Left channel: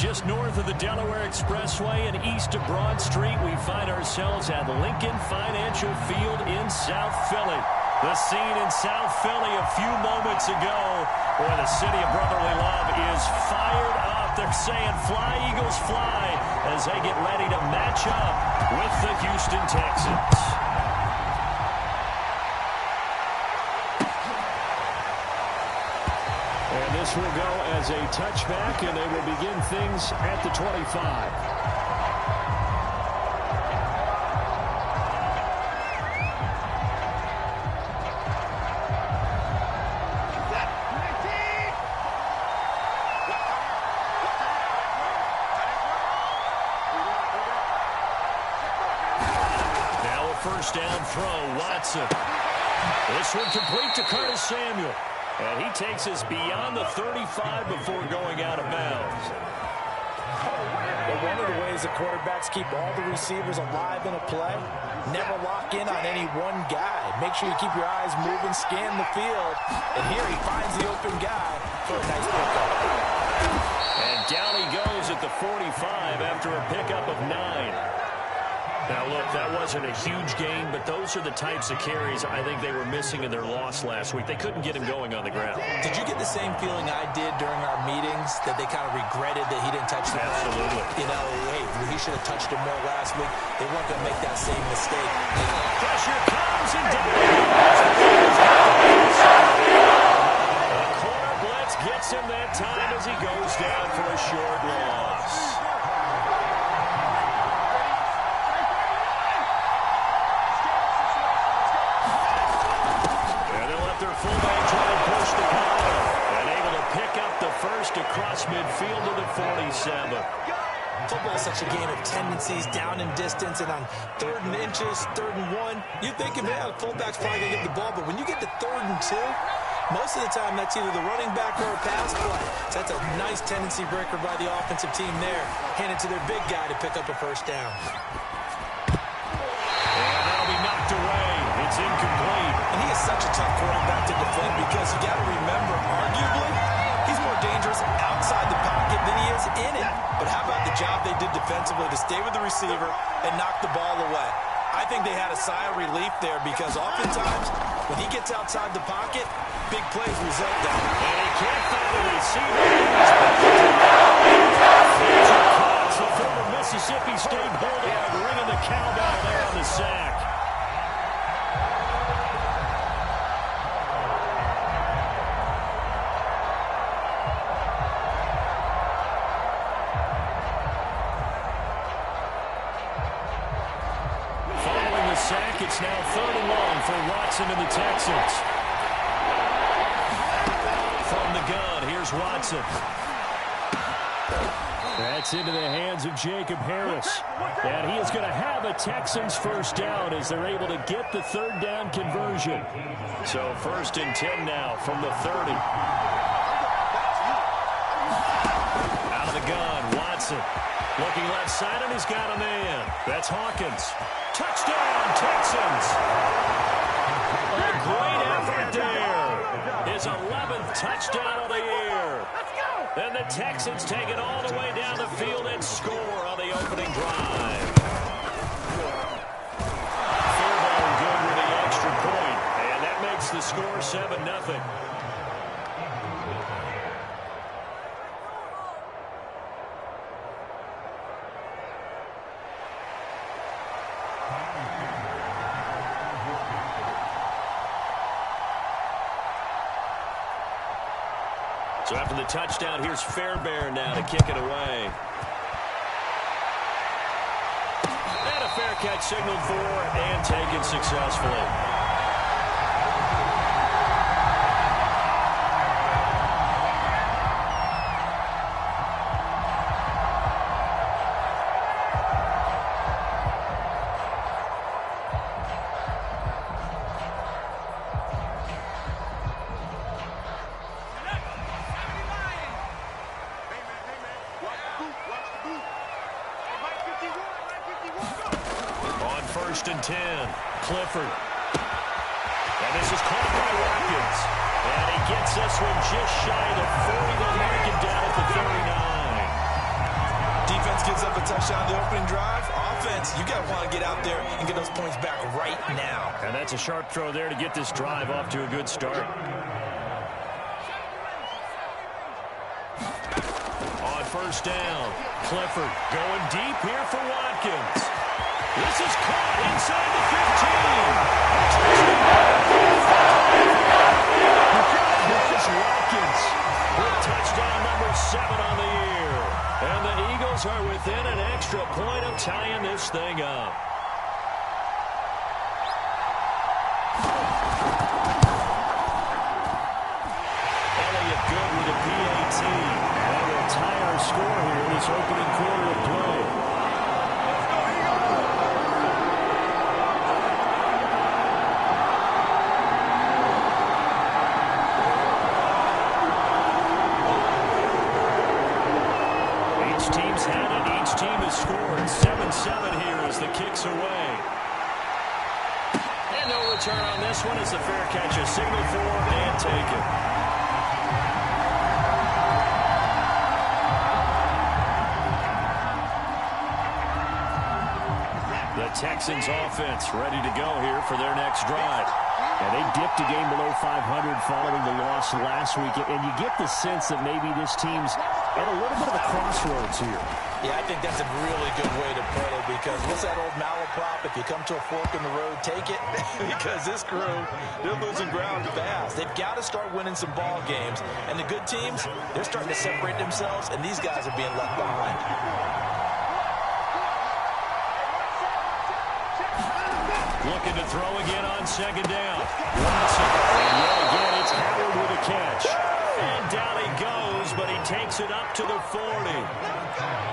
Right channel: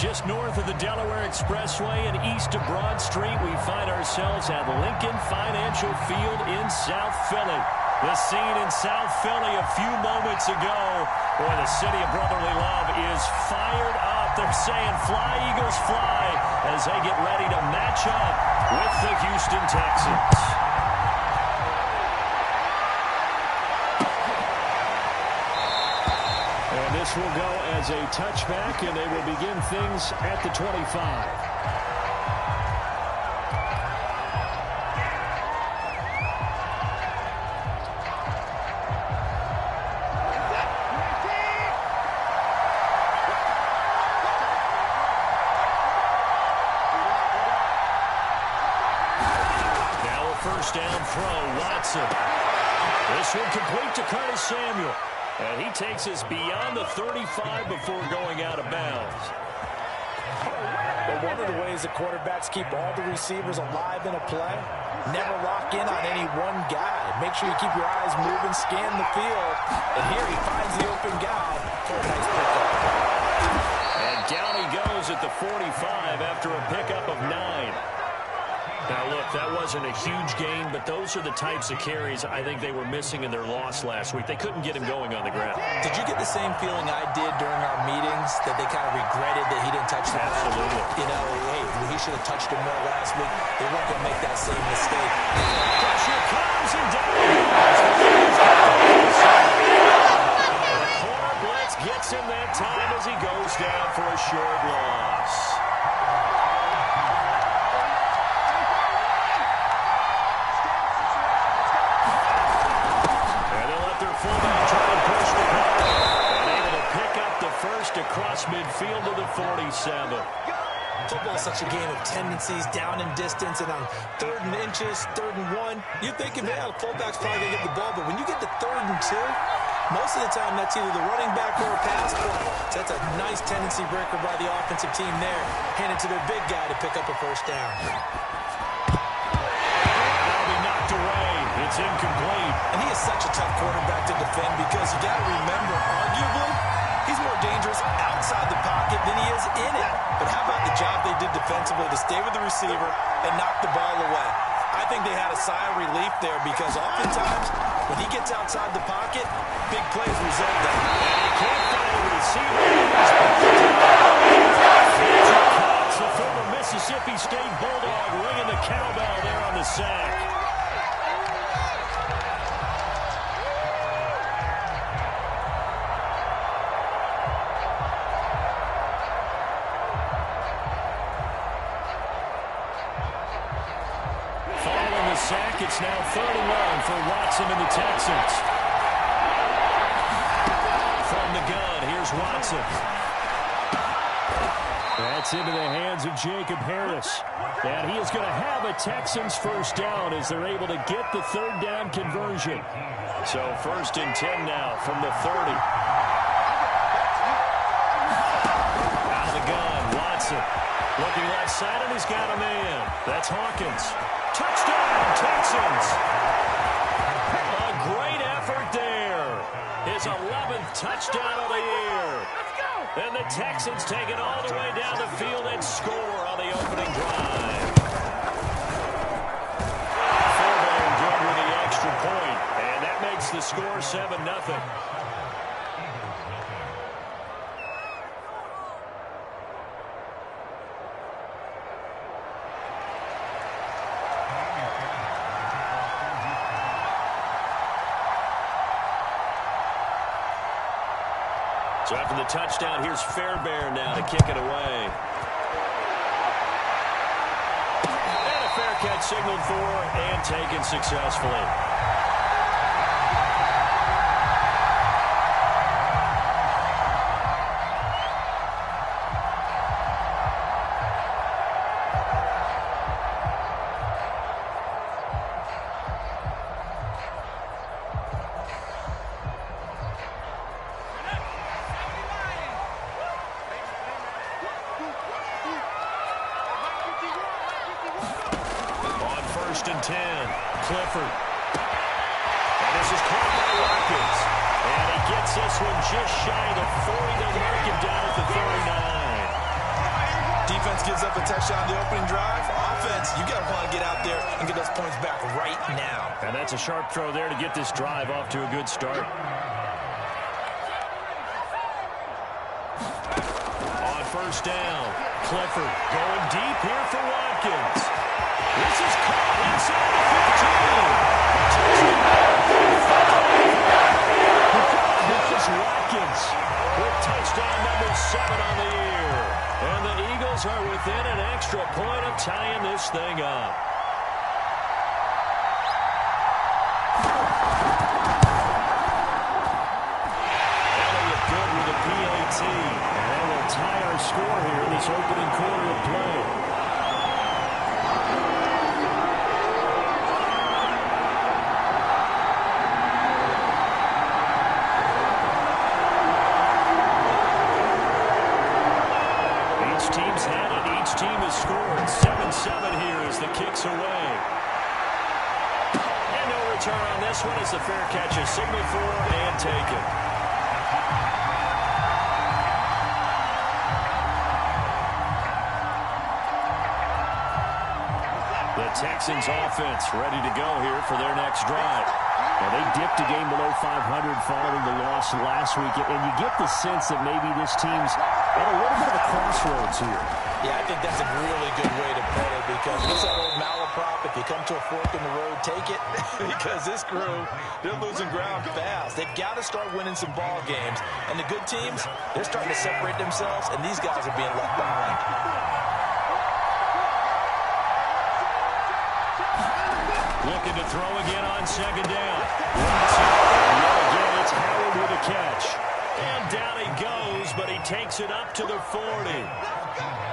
Just north of the Delaware Expressway and east of Broad Street, we find ourselves at Lincoln Financial Field in South Philly. The scene in South Philly a few moments ago where the city of brotherly love is fired up. They're saying fly, Eagles, fly as they get ready to match up with the Houston Texans. And this will go as a touchback, and they will begin things at the 25. Now a first down throw, Watson. This one complete to Curtis Samuel. And he takes us beyond the 35 before going out of bounds. But one of the ways the quarterbacks keep all the receivers alive in a play, never lock in on any one guy. Make sure you keep your eyes moving, scan the field. And here he finds the open guy for a nice pickup. And down he goes at the 45 after a pickup of 9. Now, look, that wasn't a huge gain, but those are the types of carries I think they were missing in their loss last week. They couldn't get him going on the ground. Did you get the same feeling I did during our meetings, that they kind of regretted that he didn't touch the ball? Absolutely. You know, hey, he should have touched him more last week. They weren't going to make that same mistake. Pressure comes and down. The corner blitz gets him that time as he goes down for a short loss. Fullback trying to push the ball and able to pick up the first across midfield to the 47. Football is such a game of tendencies, down in distance, and on 3rd and inches, 3rd and 1, you're thinking, man, the fullback's probably going to get the ball. But when you get to 3rd and 2, most of the time that's either the running back or a pass play. So that's a nice tendency breaker by the offensive team there. Hand it to their big guy to pick up a first down. And that'll be knocked away. It's incomplete. And he is such a tough quarterback to defend because you got to remember, arguably, he's more dangerous outside the pocket than he is in it. But how about the job they did defensively to stay with the receiver and knock the ball away? I think they had a sigh of relief there because oftentimes when he gets outside the pocket, big plays result there. And he can't find a receiver. The former Mississippi State Bulldog ringing the cowbell there on the sack. Sack. It's now 3rd and 1 for Watson and the Texans. From the gun, here's Watson. That's into the hands of Jacob Harris. And he is going to have a Texans first down as they're able to get the 3rd down conversion. So 1st and 10 now from the 30. Out of the gun, Watson. Looking left side, and he's got a man. That's Hawkins. Touchdown, Texans. A great effort there. His 11th touchdown of the year. Let's go. And the Texans take it all the way down the field and score on the opening drive. Fairbairn good with the extra point, and that makes the score 7-0. So after the touchdown, here's Fairbairn now to kick it away. And a fair catch signaled for and taken successfully. On 1st and 10, Clifford. And this is caught by Watkins. And he gets this one just shy of the 40. They'll mark him down at the 39. Defense gives up a touchdown on the opening drive. Offense, you got to want to get out there and get those points back right now. And that's a sharp throw there to get this drive off to a good start. On first down, Clifford going deep here for Watkins. This is caught inside the 15. Here's Watkins with touchdown number 7 on the year. And the Eagles are within an extra point of tying this thing up. Elliott good with a PAT. And that will tie our score here in this opening quarter of play. Team's had it. Each team has scored. 7-7 here as the kick's away. And no return on this one as the fair catch is signaled for and taken. The Texans offense ready to go here for their next drive. And they dipped a game below 500 following the loss last week. And you get the sense that maybe this team's at a little bit of a crossroads here. Yeah, I think that's a really good way to put it because what's that old malaprop? If you come to a fork in the road, take it. Because this crew, they're losing ground fast. They've got to start winning some ball games. And the good teams, they're starting to separate themselves, and these guys are being left behind. Looking to throw again on second down. And yet again, it's Howard with a catch. And down he goes, but he takes it up to the 40.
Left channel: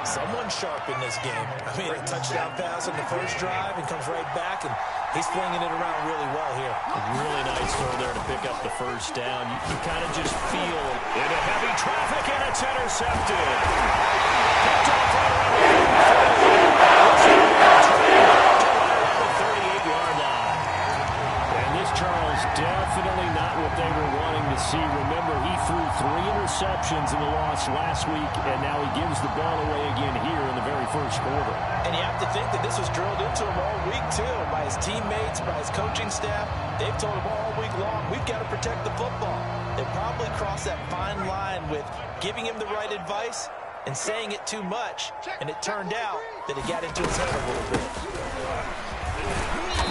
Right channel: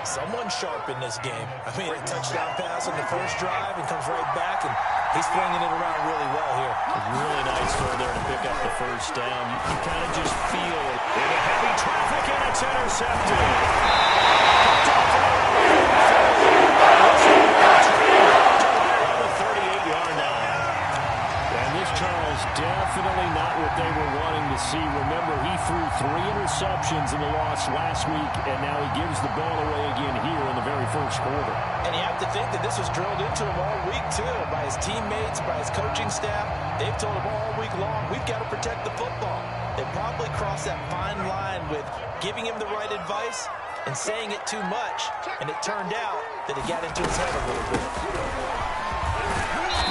Someone sharp in this game. I mean, a touchdown pass on the first drive and comes right back, and he's flinging it around really well here. A really nice throw there to pick up the first down. You kind of just feel into heavy traffic, and it's intercepted. Picked off right around the 38-yard line. And this Charles definitely not what they were wanting to see. Remember, he threw 3 interceptions in the loss last week, and now he gives the ball away again here in the very first quarter. And you have to think that this was drilled into him all week, too, by his teammates, by his coaching staff. They've told him all week long, we've got to protect the football. They probably crossed that fine line with giving him the right advice and saying it too much, and it turned out that it got into his head a little bit.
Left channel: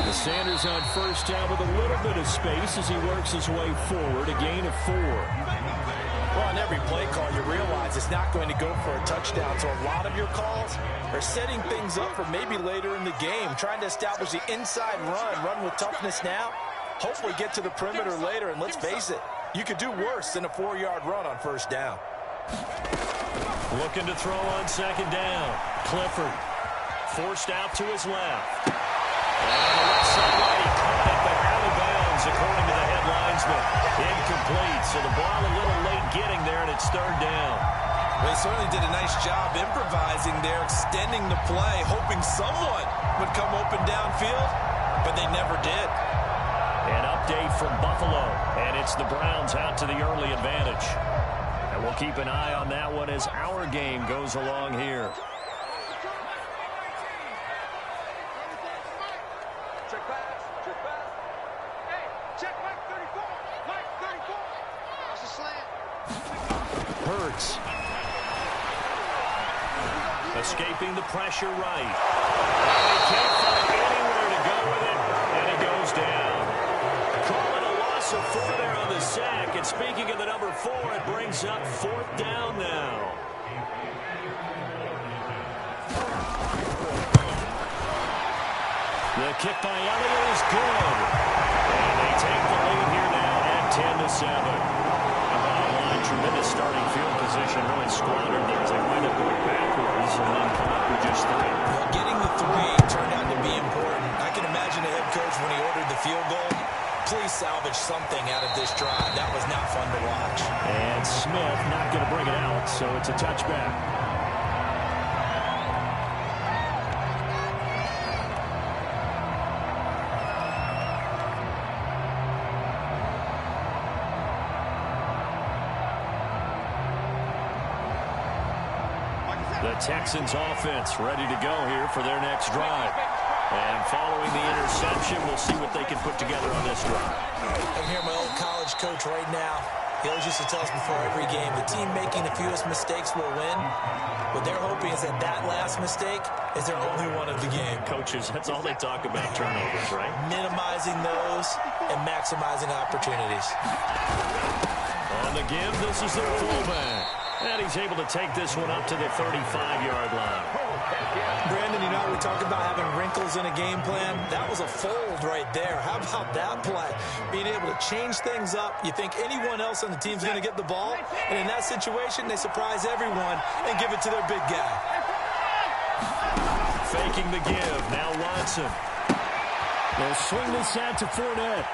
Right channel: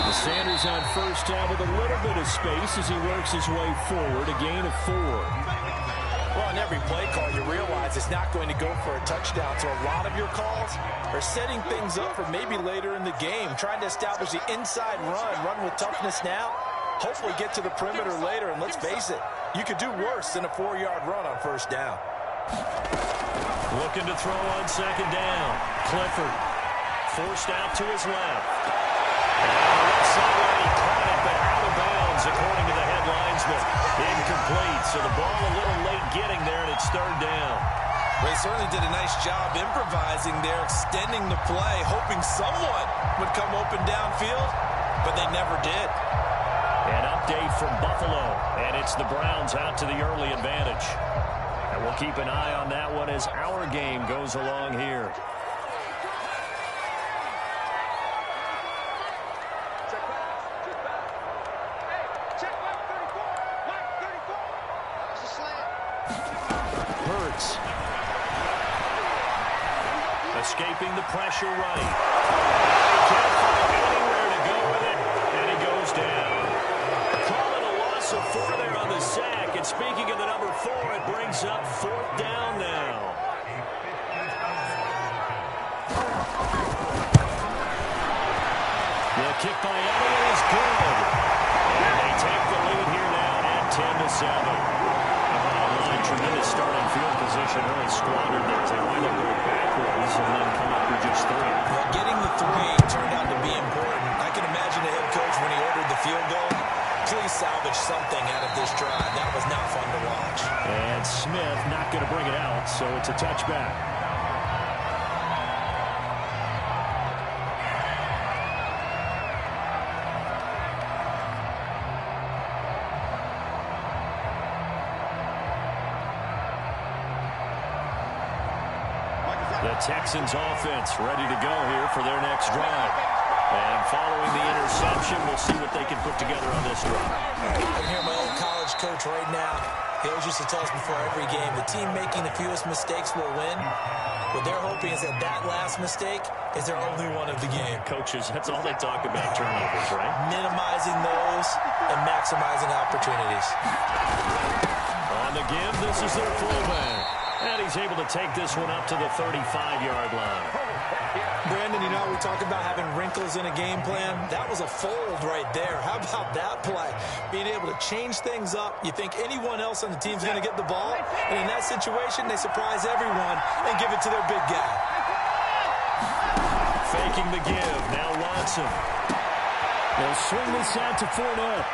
The Sanders on first down with a little bit of space as he works his way forward, a gain of 4. Well, on every play call, you realize it's not going to go for a touchdown, so a lot of your calls are setting things up for maybe later in the game, trying to establish the inside run with toughness now, hopefully get to the perimeter later, and let's face it, you could do worse than a 4-yard run on first down. Looking to throw on second down. Clifford forced out to his left. And on the left sideline, he caught it, but out of bounds, according to the headlinesman. Incomplete, so the ball a little late getting there, and it's third down. Well, he certainly did a nice job improvising there, extending the play, hoping someone would come open downfield, but they never did. An update from Buffalo, and it's the Browns out to the early advantage. And we'll keep an eye on that one as our game goes along here. Hurts. Escaping the pressure right. And he can't find anywhere to go with it, and he goes down. Call it a loss of 4 there on the sack. And speaking of the number 4, it brings up 4th down now. The kick by Elliott is good. And they take the lead here now at 10-7. Tremendous starting field position, really squandered there as they wind up going backwards and then come up with just 3. Well, getting the 3 turned out to be important. I can imagine the head coach when he ordered the field goal. Please salvage something out of this drive. That was not fun to watch. And Smith not going to bring it out, so it's a touchback. The Texans offense ready to go here for their next drive. And following the interception, we'll see what they can put together on this drive. I can hear my old college coach right now. He always used to tell us before every game, the team making the fewest mistakes will win. What they're hoping is that that last mistake is their only one of the game. Coaches, that's all they talk about, turnovers, right? Minimizing those and maximizing opportunities. On the give, this is their fullback. And he's able to take this one up to the 35-yard line. Brandon, you know, we talk about having wrinkles in a game plan. That was a fold right there. How about that play? Being able to change things up. You think anyone else on the team's going to get the ball? And in that situation, they surprise everyone and give it to their big guy. Faking the give. Now Watson. They'll swing this out to Fournette.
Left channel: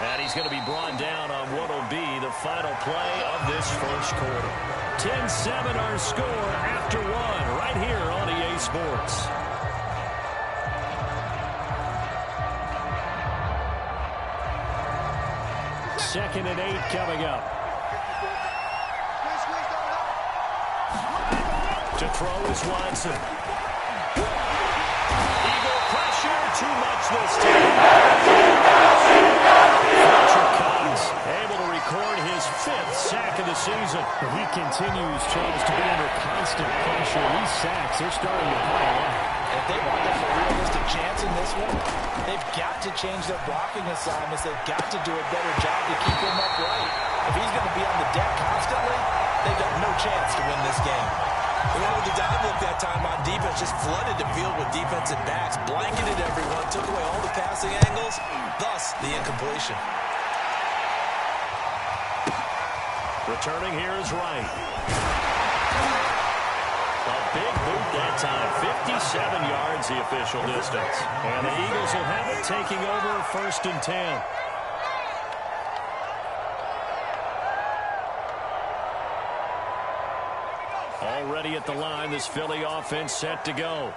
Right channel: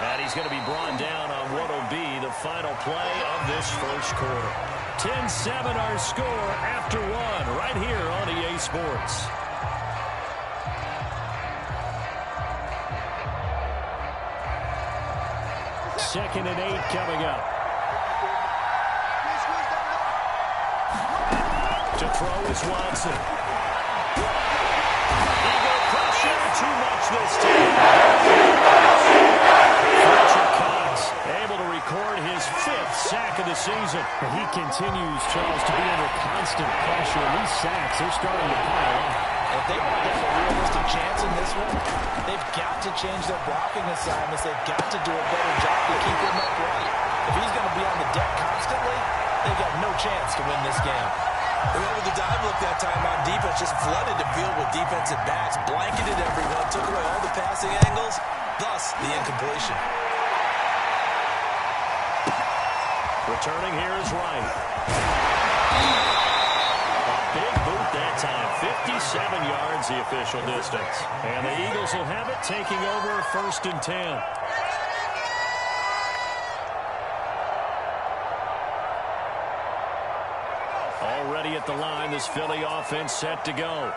And he's going to be brought down on what will be the final play of this first quarter. 10-7 our score after one right here on EA Sports. Second and 8 coming up. To throw is Watson. Eagle pressure, too much this time. Able to record his 5th sack of the season. But he continues, Charles, to be under constant pressure. These sacks, they're starting to pile up. If they want to have a realistic chance in this one, they've got to change their blocking assignments. They've got to do a better job to keep him upright. If he's going to be on the deck constantly, they've got no chance to win this game. They went with the dive look that time on defense, just flooded the field with defensive backs, blanketed everyone, took away all the passing angles, thus the incompletion. Returning here is Wright. A big boot that time. 57 yards the official distance. And the Eagles will have it, taking over 1st and 10. Already at the line, this Philly offense set to go.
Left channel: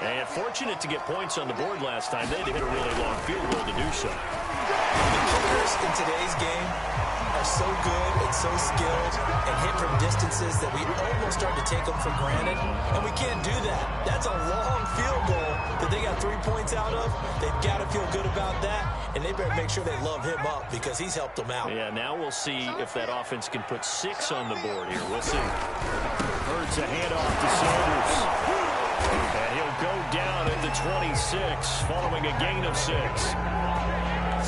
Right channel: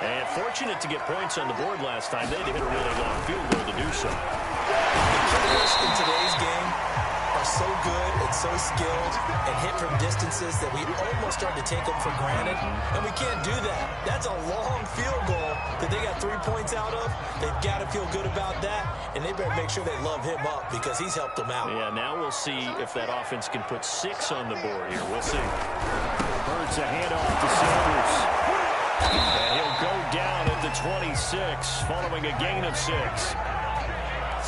And fortunate to get points on the board last time. They had to hit a really long field goal to do so. The kickers in today's game are so good and so skilled and hit from distances that we almost start to take them for granted, and we can't do that. That's a long field goal that they got 3 points out of. They've got to feel good about that, and they better make sure they love him up because he's helped them out. Yeah, now we'll see if that offense can put 6 on the board here. We'll see. Hurts a handoff to Sanders. And he'll go down at the 26 following a gain of 6.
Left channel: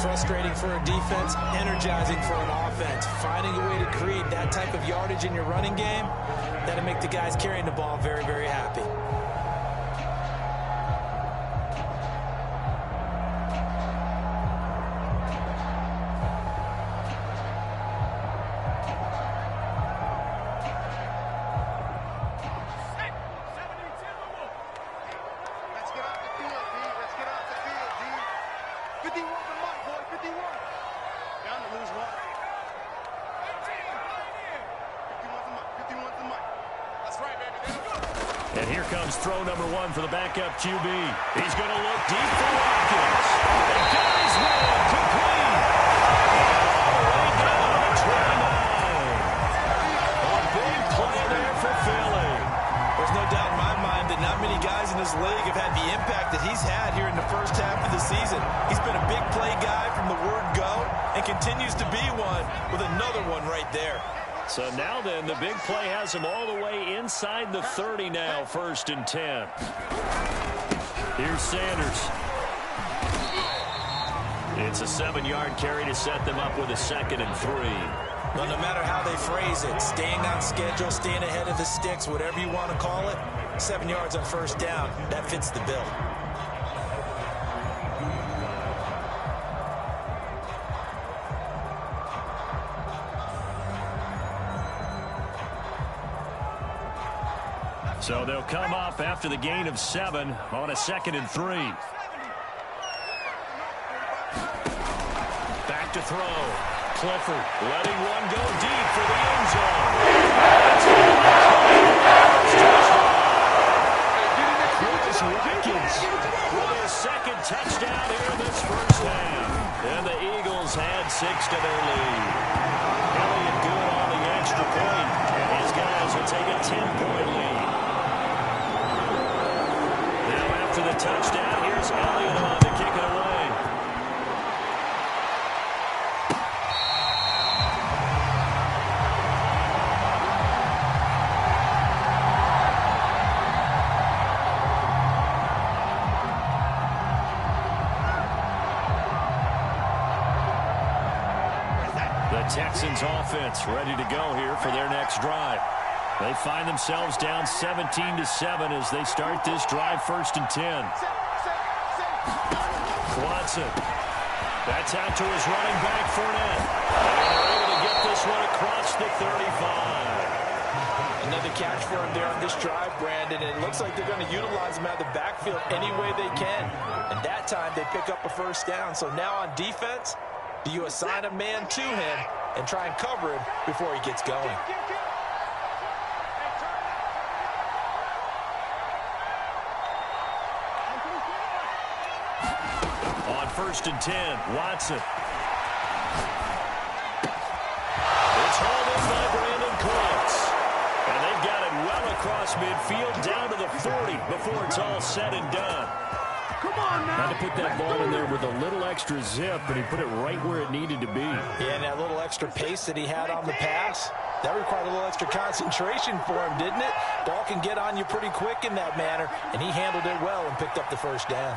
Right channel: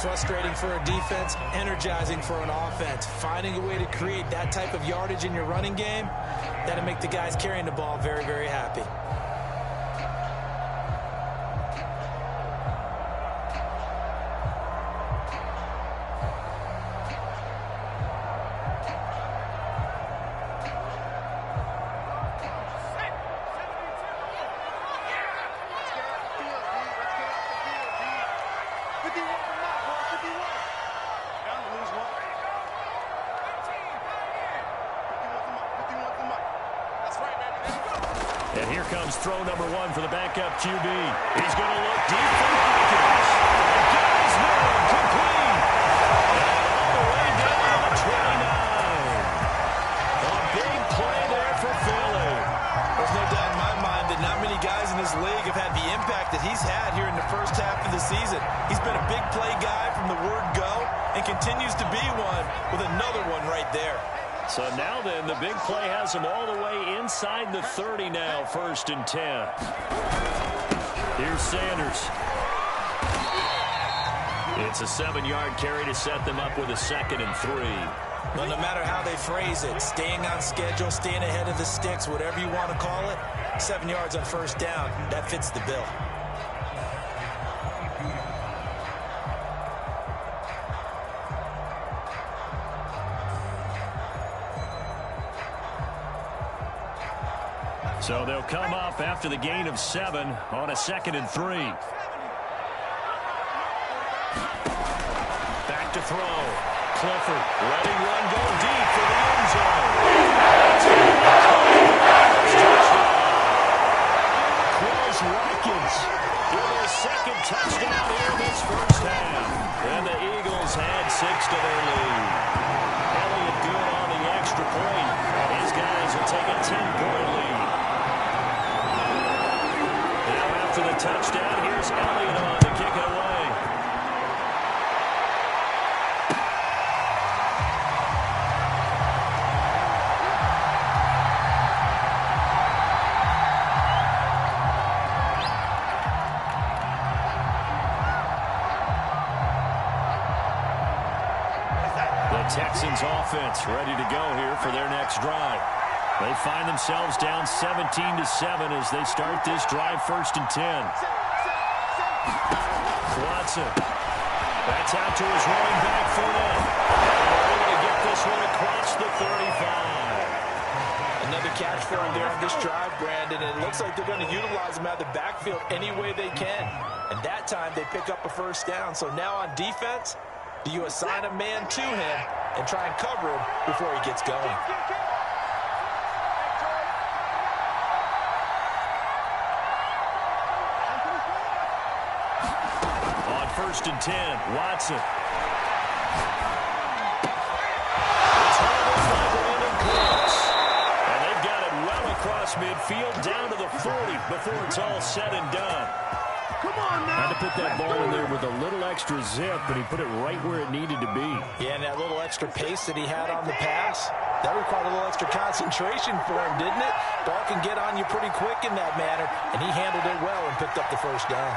Frustrating for a defense, energizing for an offense. Finding a way to create that type of yardage in your running game, that'll make the guys carrying the ball very, very happy. And here comes throw number 1 for the backup QB. He's going to look deep for Watkins. And got his man complete. And all the way down to 29. A big play there for Philly. There's no doubt in my mind that not many guys in this league have had the impact that he's had here in the first half of the season. He's been a big play guy from the word go and continues to be one with another one right there. So now then, the big play has him all the way inside the 30 now, 1st and 10. Here's Sanders. It's a 7-yard carry to set them up with a 2nd and 3. Well, no matter how they phrase it, staying on schedule, staying ahead of the sticks, whatever you want to call it, 7 yards on 1st down, that fits the bill. So they'll come up after the gain of 7 on a 2nd and 3. Back to throw. Clifford letting one go deep for the end zone. Quills Watkins with his 2nd touchdown here this first half. And the Eagles had 6 to their lead. Elliott good on the extra point, and his guys will take a 10-point lead. Now after the touchdown, here's Elliott on to kick it away. The Texans offense ready to go here for their next drive. They find themselves down 17-7 as they start this drive 1st and 10. Watson. That's out to his running back, Fournette. And they're able to get this one across the 35. Another catch for him there on this drive, Brandon. And it looks like they're going to utilize him out of the backfield any way they can. And that time they pick up a first down. So now on defense, do you assign a man to him and try and cover him before he gets going? On 1st and 10, Watson. It's hauled in by Brandon Cooks. And they've got it well across midfield down to the 40 before it's all said and done. Come on now. Had to put that ball in there with a little extra zip, and he put it right where it needed to be. Yeah, and that little extra pace that he had on the pass, that required a little extra concentration for him, didn't it? Ball can get on you pretty quick in that manner, and he handled it well and picked up the first down.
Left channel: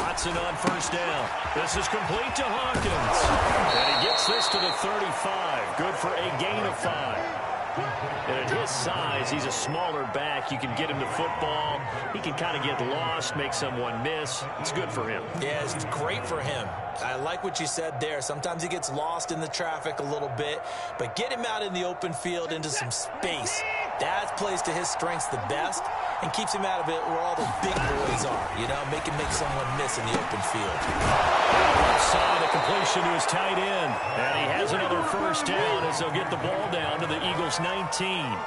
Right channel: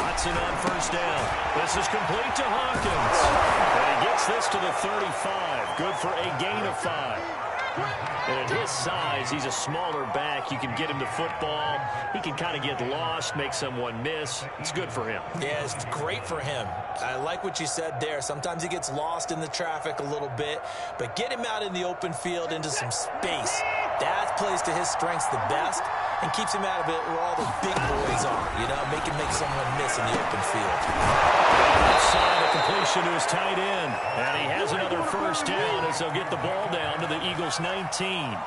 Watson on 1st down. This is complete to Hawkins. And he gets this to the 35. Good for a gain of 5. And at his size, he's a smaller back. You can get him the football. He can kind of get lost, make someone miss. It's good for him. Yeah, it's great for him. I like what you said there. Sometimes he gets lost in the traffic a little bit, but get him out in the open field into some space. That plays to his strengths the best and keeps him out of it where all the big boys are, you know, make someone miss in the open field. Offside, a completion to his tight end. And he has another first down as they'll get the ball down to the Eagles' 19.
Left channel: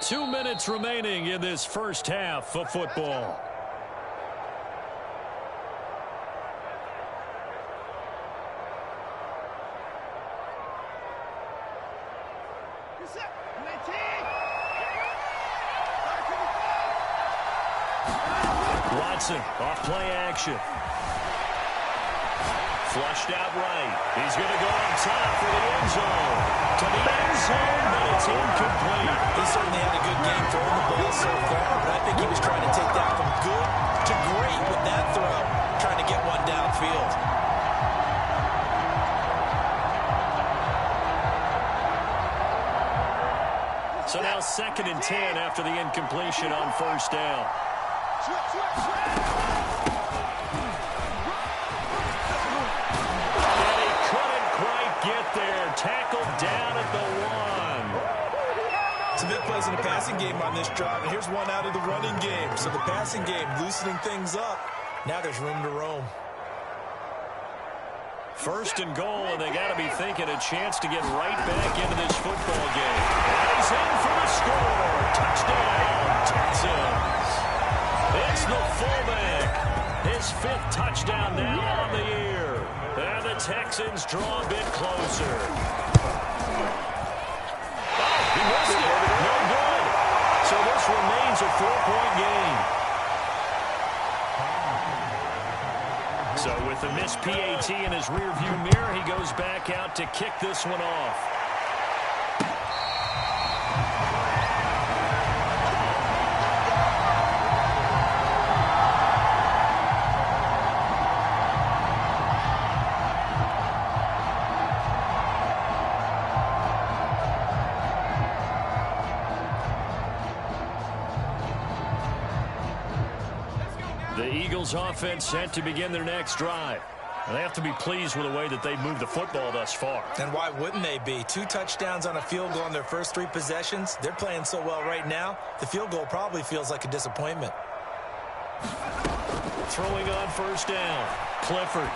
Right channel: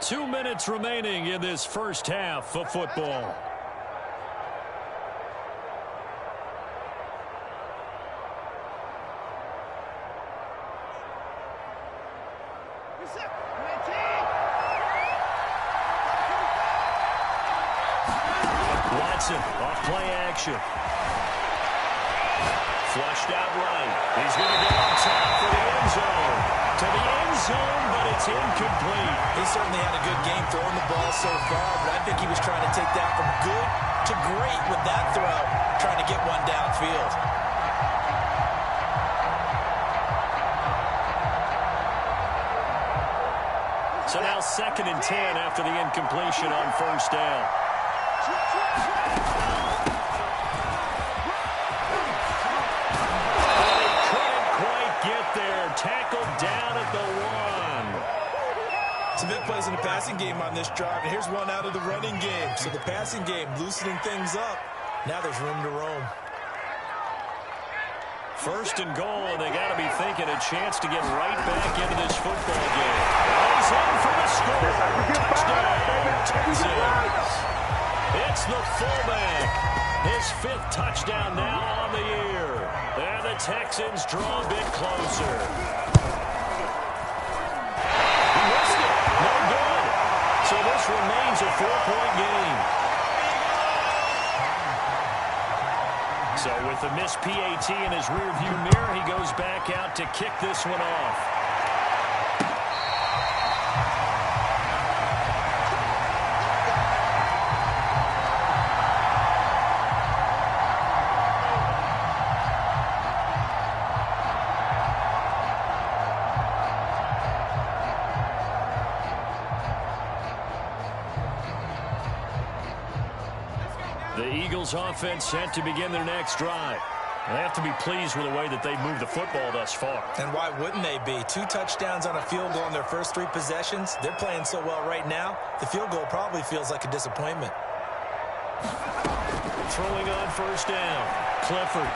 2 minutes remaining in this first half of football. Watson off play action. Flushed out right. He's going to go up top for the end zone. To the end zone, but it's incomplete. He certainly had a good game throwing the ball so far, but I think he was trying to take that from good to great with that throw, trying to get one downfield. So now 2nd and 10 after the incompletion on 1st down. And he couldn't quite get there. Tackled down at the 1. Some big plays in the passing game on this drive, and here's one out of the running game. So the passing game loosening things up. Now there's room to roam. 1st and goal, and they got to be thinking a chance to get right back into this football game. And he's in for the score. Touchdown, Texans. It's the fullback. His 5th touchdown now on the year. And the Texans draw a bit closer. Oh, he missed it. No good. So this remains a 4-point game. So with the missed PAT in his rearview mirror, he goes back out to kick this one off. The Eagles offense set to begin their next drive. They have to be pleased with the way that they've moved the football thus far. And why wouldn't they be? 2 touchdowns on a field goal in their first 3 possessions. They're playing so well right now, the field goal probably feels like a disappointment. Throwing on 1st down. Clifford.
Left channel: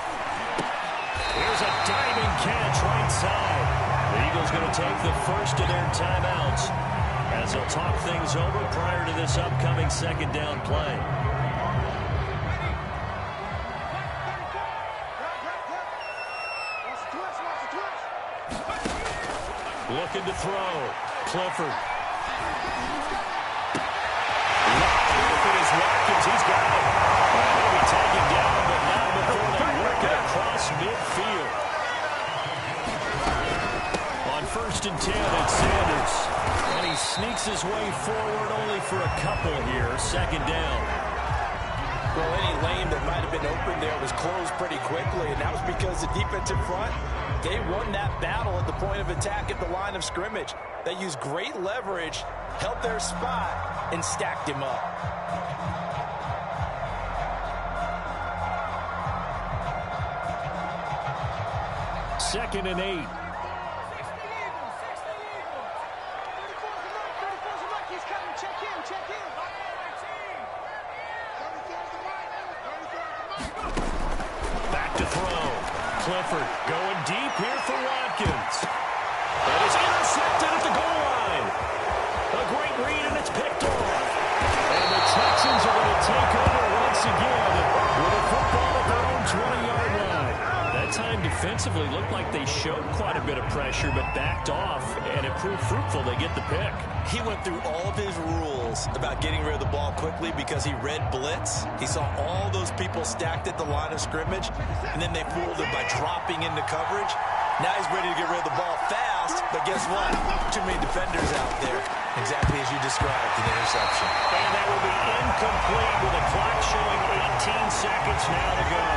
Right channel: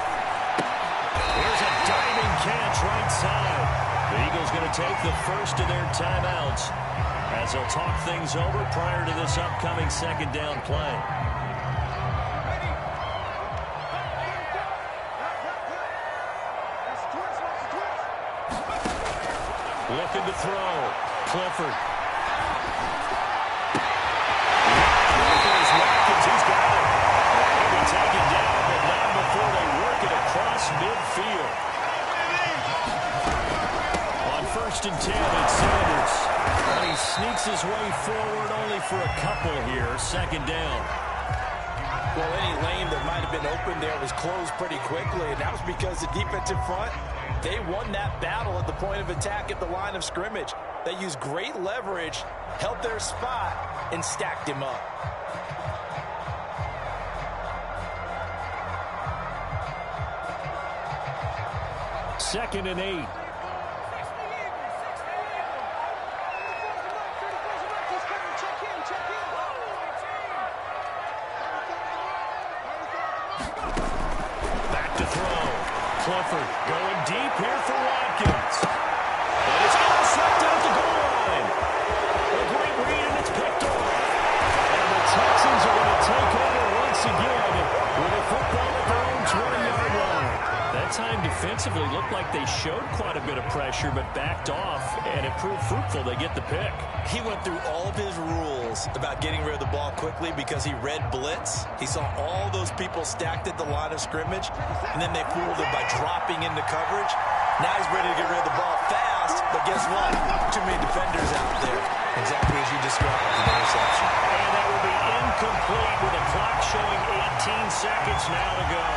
Here's a diving catch right side. The Eagles going to take the first of their timeouts. as they'll talk things over prior to this upcoming second down play. Looking to throw. Clifford. Wide open is Watkins. He's got it. And he'll be taken down, but not before they work it across midfield. On 1st and 10, it's Sanders. And he sneaks his way forward only for a couple here. Second down. Well, any lane that might have been open there was closed pretty quickly, and that was because the defensive front, they won that battle at the point of attack at the line of scrimmage. They used great leverage, held their spot, and stacked him up. Second and 8. Back to throw. Clifford going deep here for Watkins. And it's intercepted at the goal line. A great read, and it's picked off. And the Texans are going to take over once again with a football at their own 20-yard line. That time defensively looked like they showed quite a bit of pressure but backed off, and it proved fruitful. They get the pick. He went through all of his rules about getting rid of the ball quickly because he read blitz. He saw all those people stacked at the line of scrimmage, and then they fooled him by dropping into coverage. Now he's ready to get rid of the ball fast, but guess what? Too many defenders out there. Exactly as you described, an interception. And that will be incomplete with the clock showing 18 seconds now to go.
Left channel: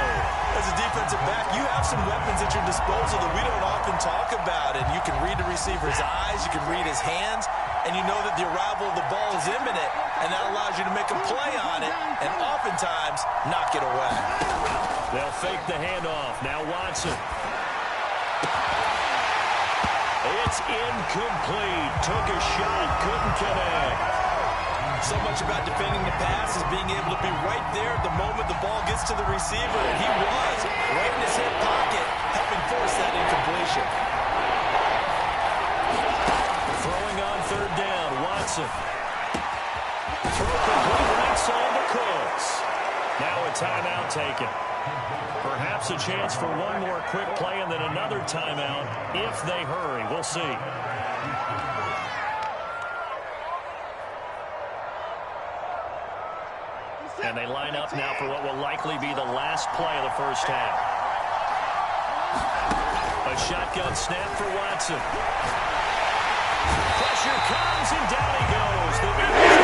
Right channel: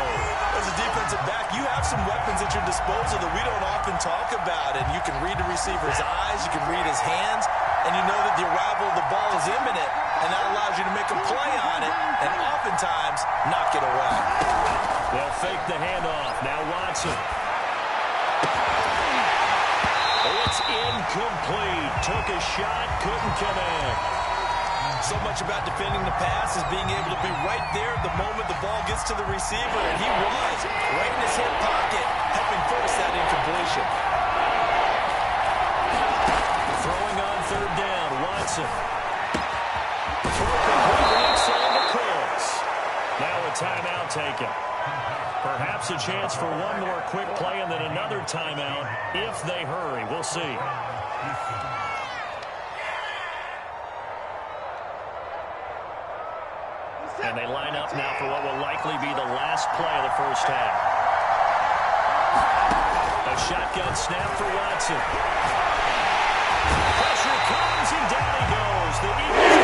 As a defensive back, you have some weapons at your disposal that we don't often talk about, and you can read the receiver's eyes, you can read his hands, and you know that the arrival of the ball is imminent, and that allows you to make a play on it, and oftentimes knock it away. They'll fake the handoff. Now Watson. It's incomplete. Took a shot, couldn't connect. So much about defending the pass is being able to be right there at the moment the ball gets to the receiver, and he was right in his hip pocket, helping force that incompletion. Throwing on 3rd down, Watson. Throw complete right side to Cooks. Now a timeout taken. Perhaps a chance for one more quick play and then another timeout if they hurry. We'll see. And they line up now for what will likely be the last play of the first half. A shotgun snap for Watson. Pressure comes and down he goes. The Eagles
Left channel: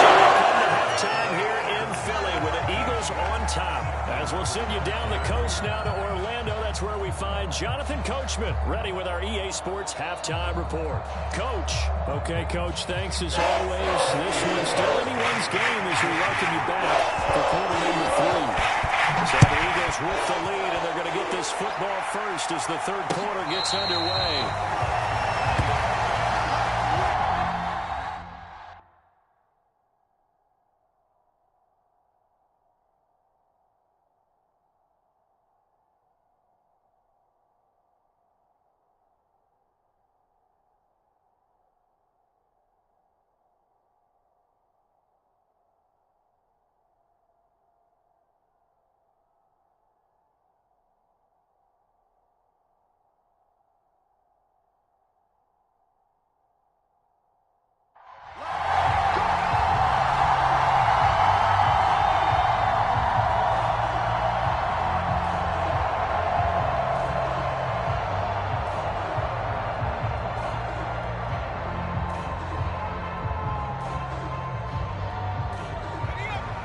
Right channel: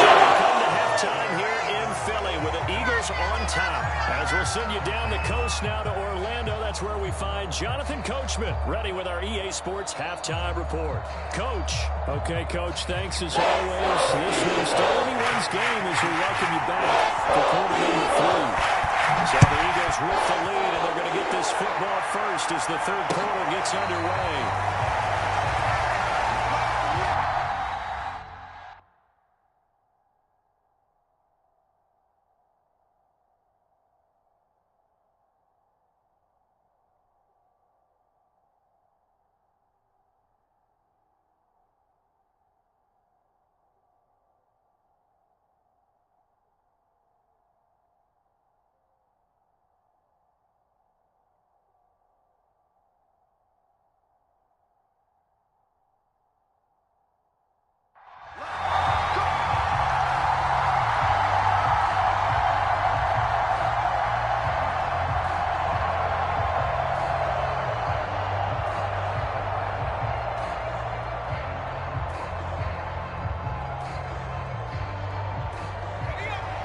so we come to halftime here in Philly with the Eagles on top. As we'll send you down the coast now to Orlando, that's where we find Jonathan Coachman ready with our EA Sports halftime report. Coach. Okay, Coach, thanks as always. This one's still anyone's game as we welcome you back for quarter number 3. So the Eagles with the lead, and they're going to get this football first as the third quarter gets underway.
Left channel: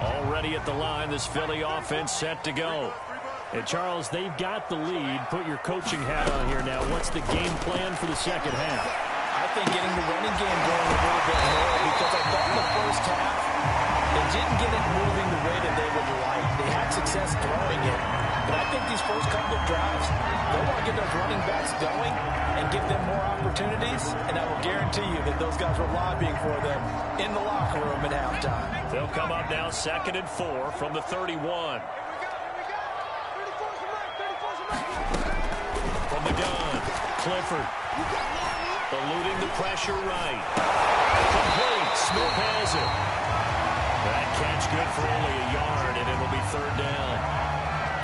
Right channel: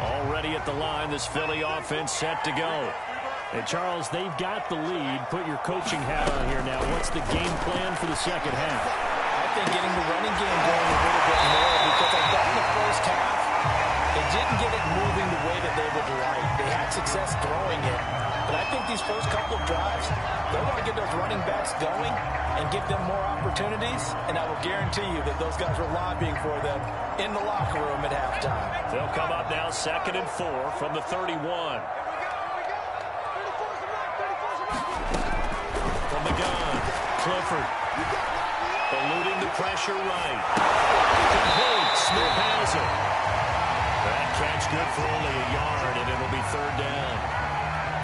Already at the line, this Philly offense set to go. And Charles, they've got the lead. Put your coaching hat on here now. What's the game plan for the second half? I think getting the running game going a little bit more, because I thought in the first half they didn't get it moving the way that they would like. They had success throwing it, but I think these first couple of drives, they'll want to get those running backs going and give them more opportunities, and I will guarantee you that those guys were lobbying for them in the locker room at halftime. They'll come up now 2nd and 4 from the 31. From the gun, Clifford. Eluding the pressure right. Complete. Smith has it. That catch good for only a yard, and it'll be third down.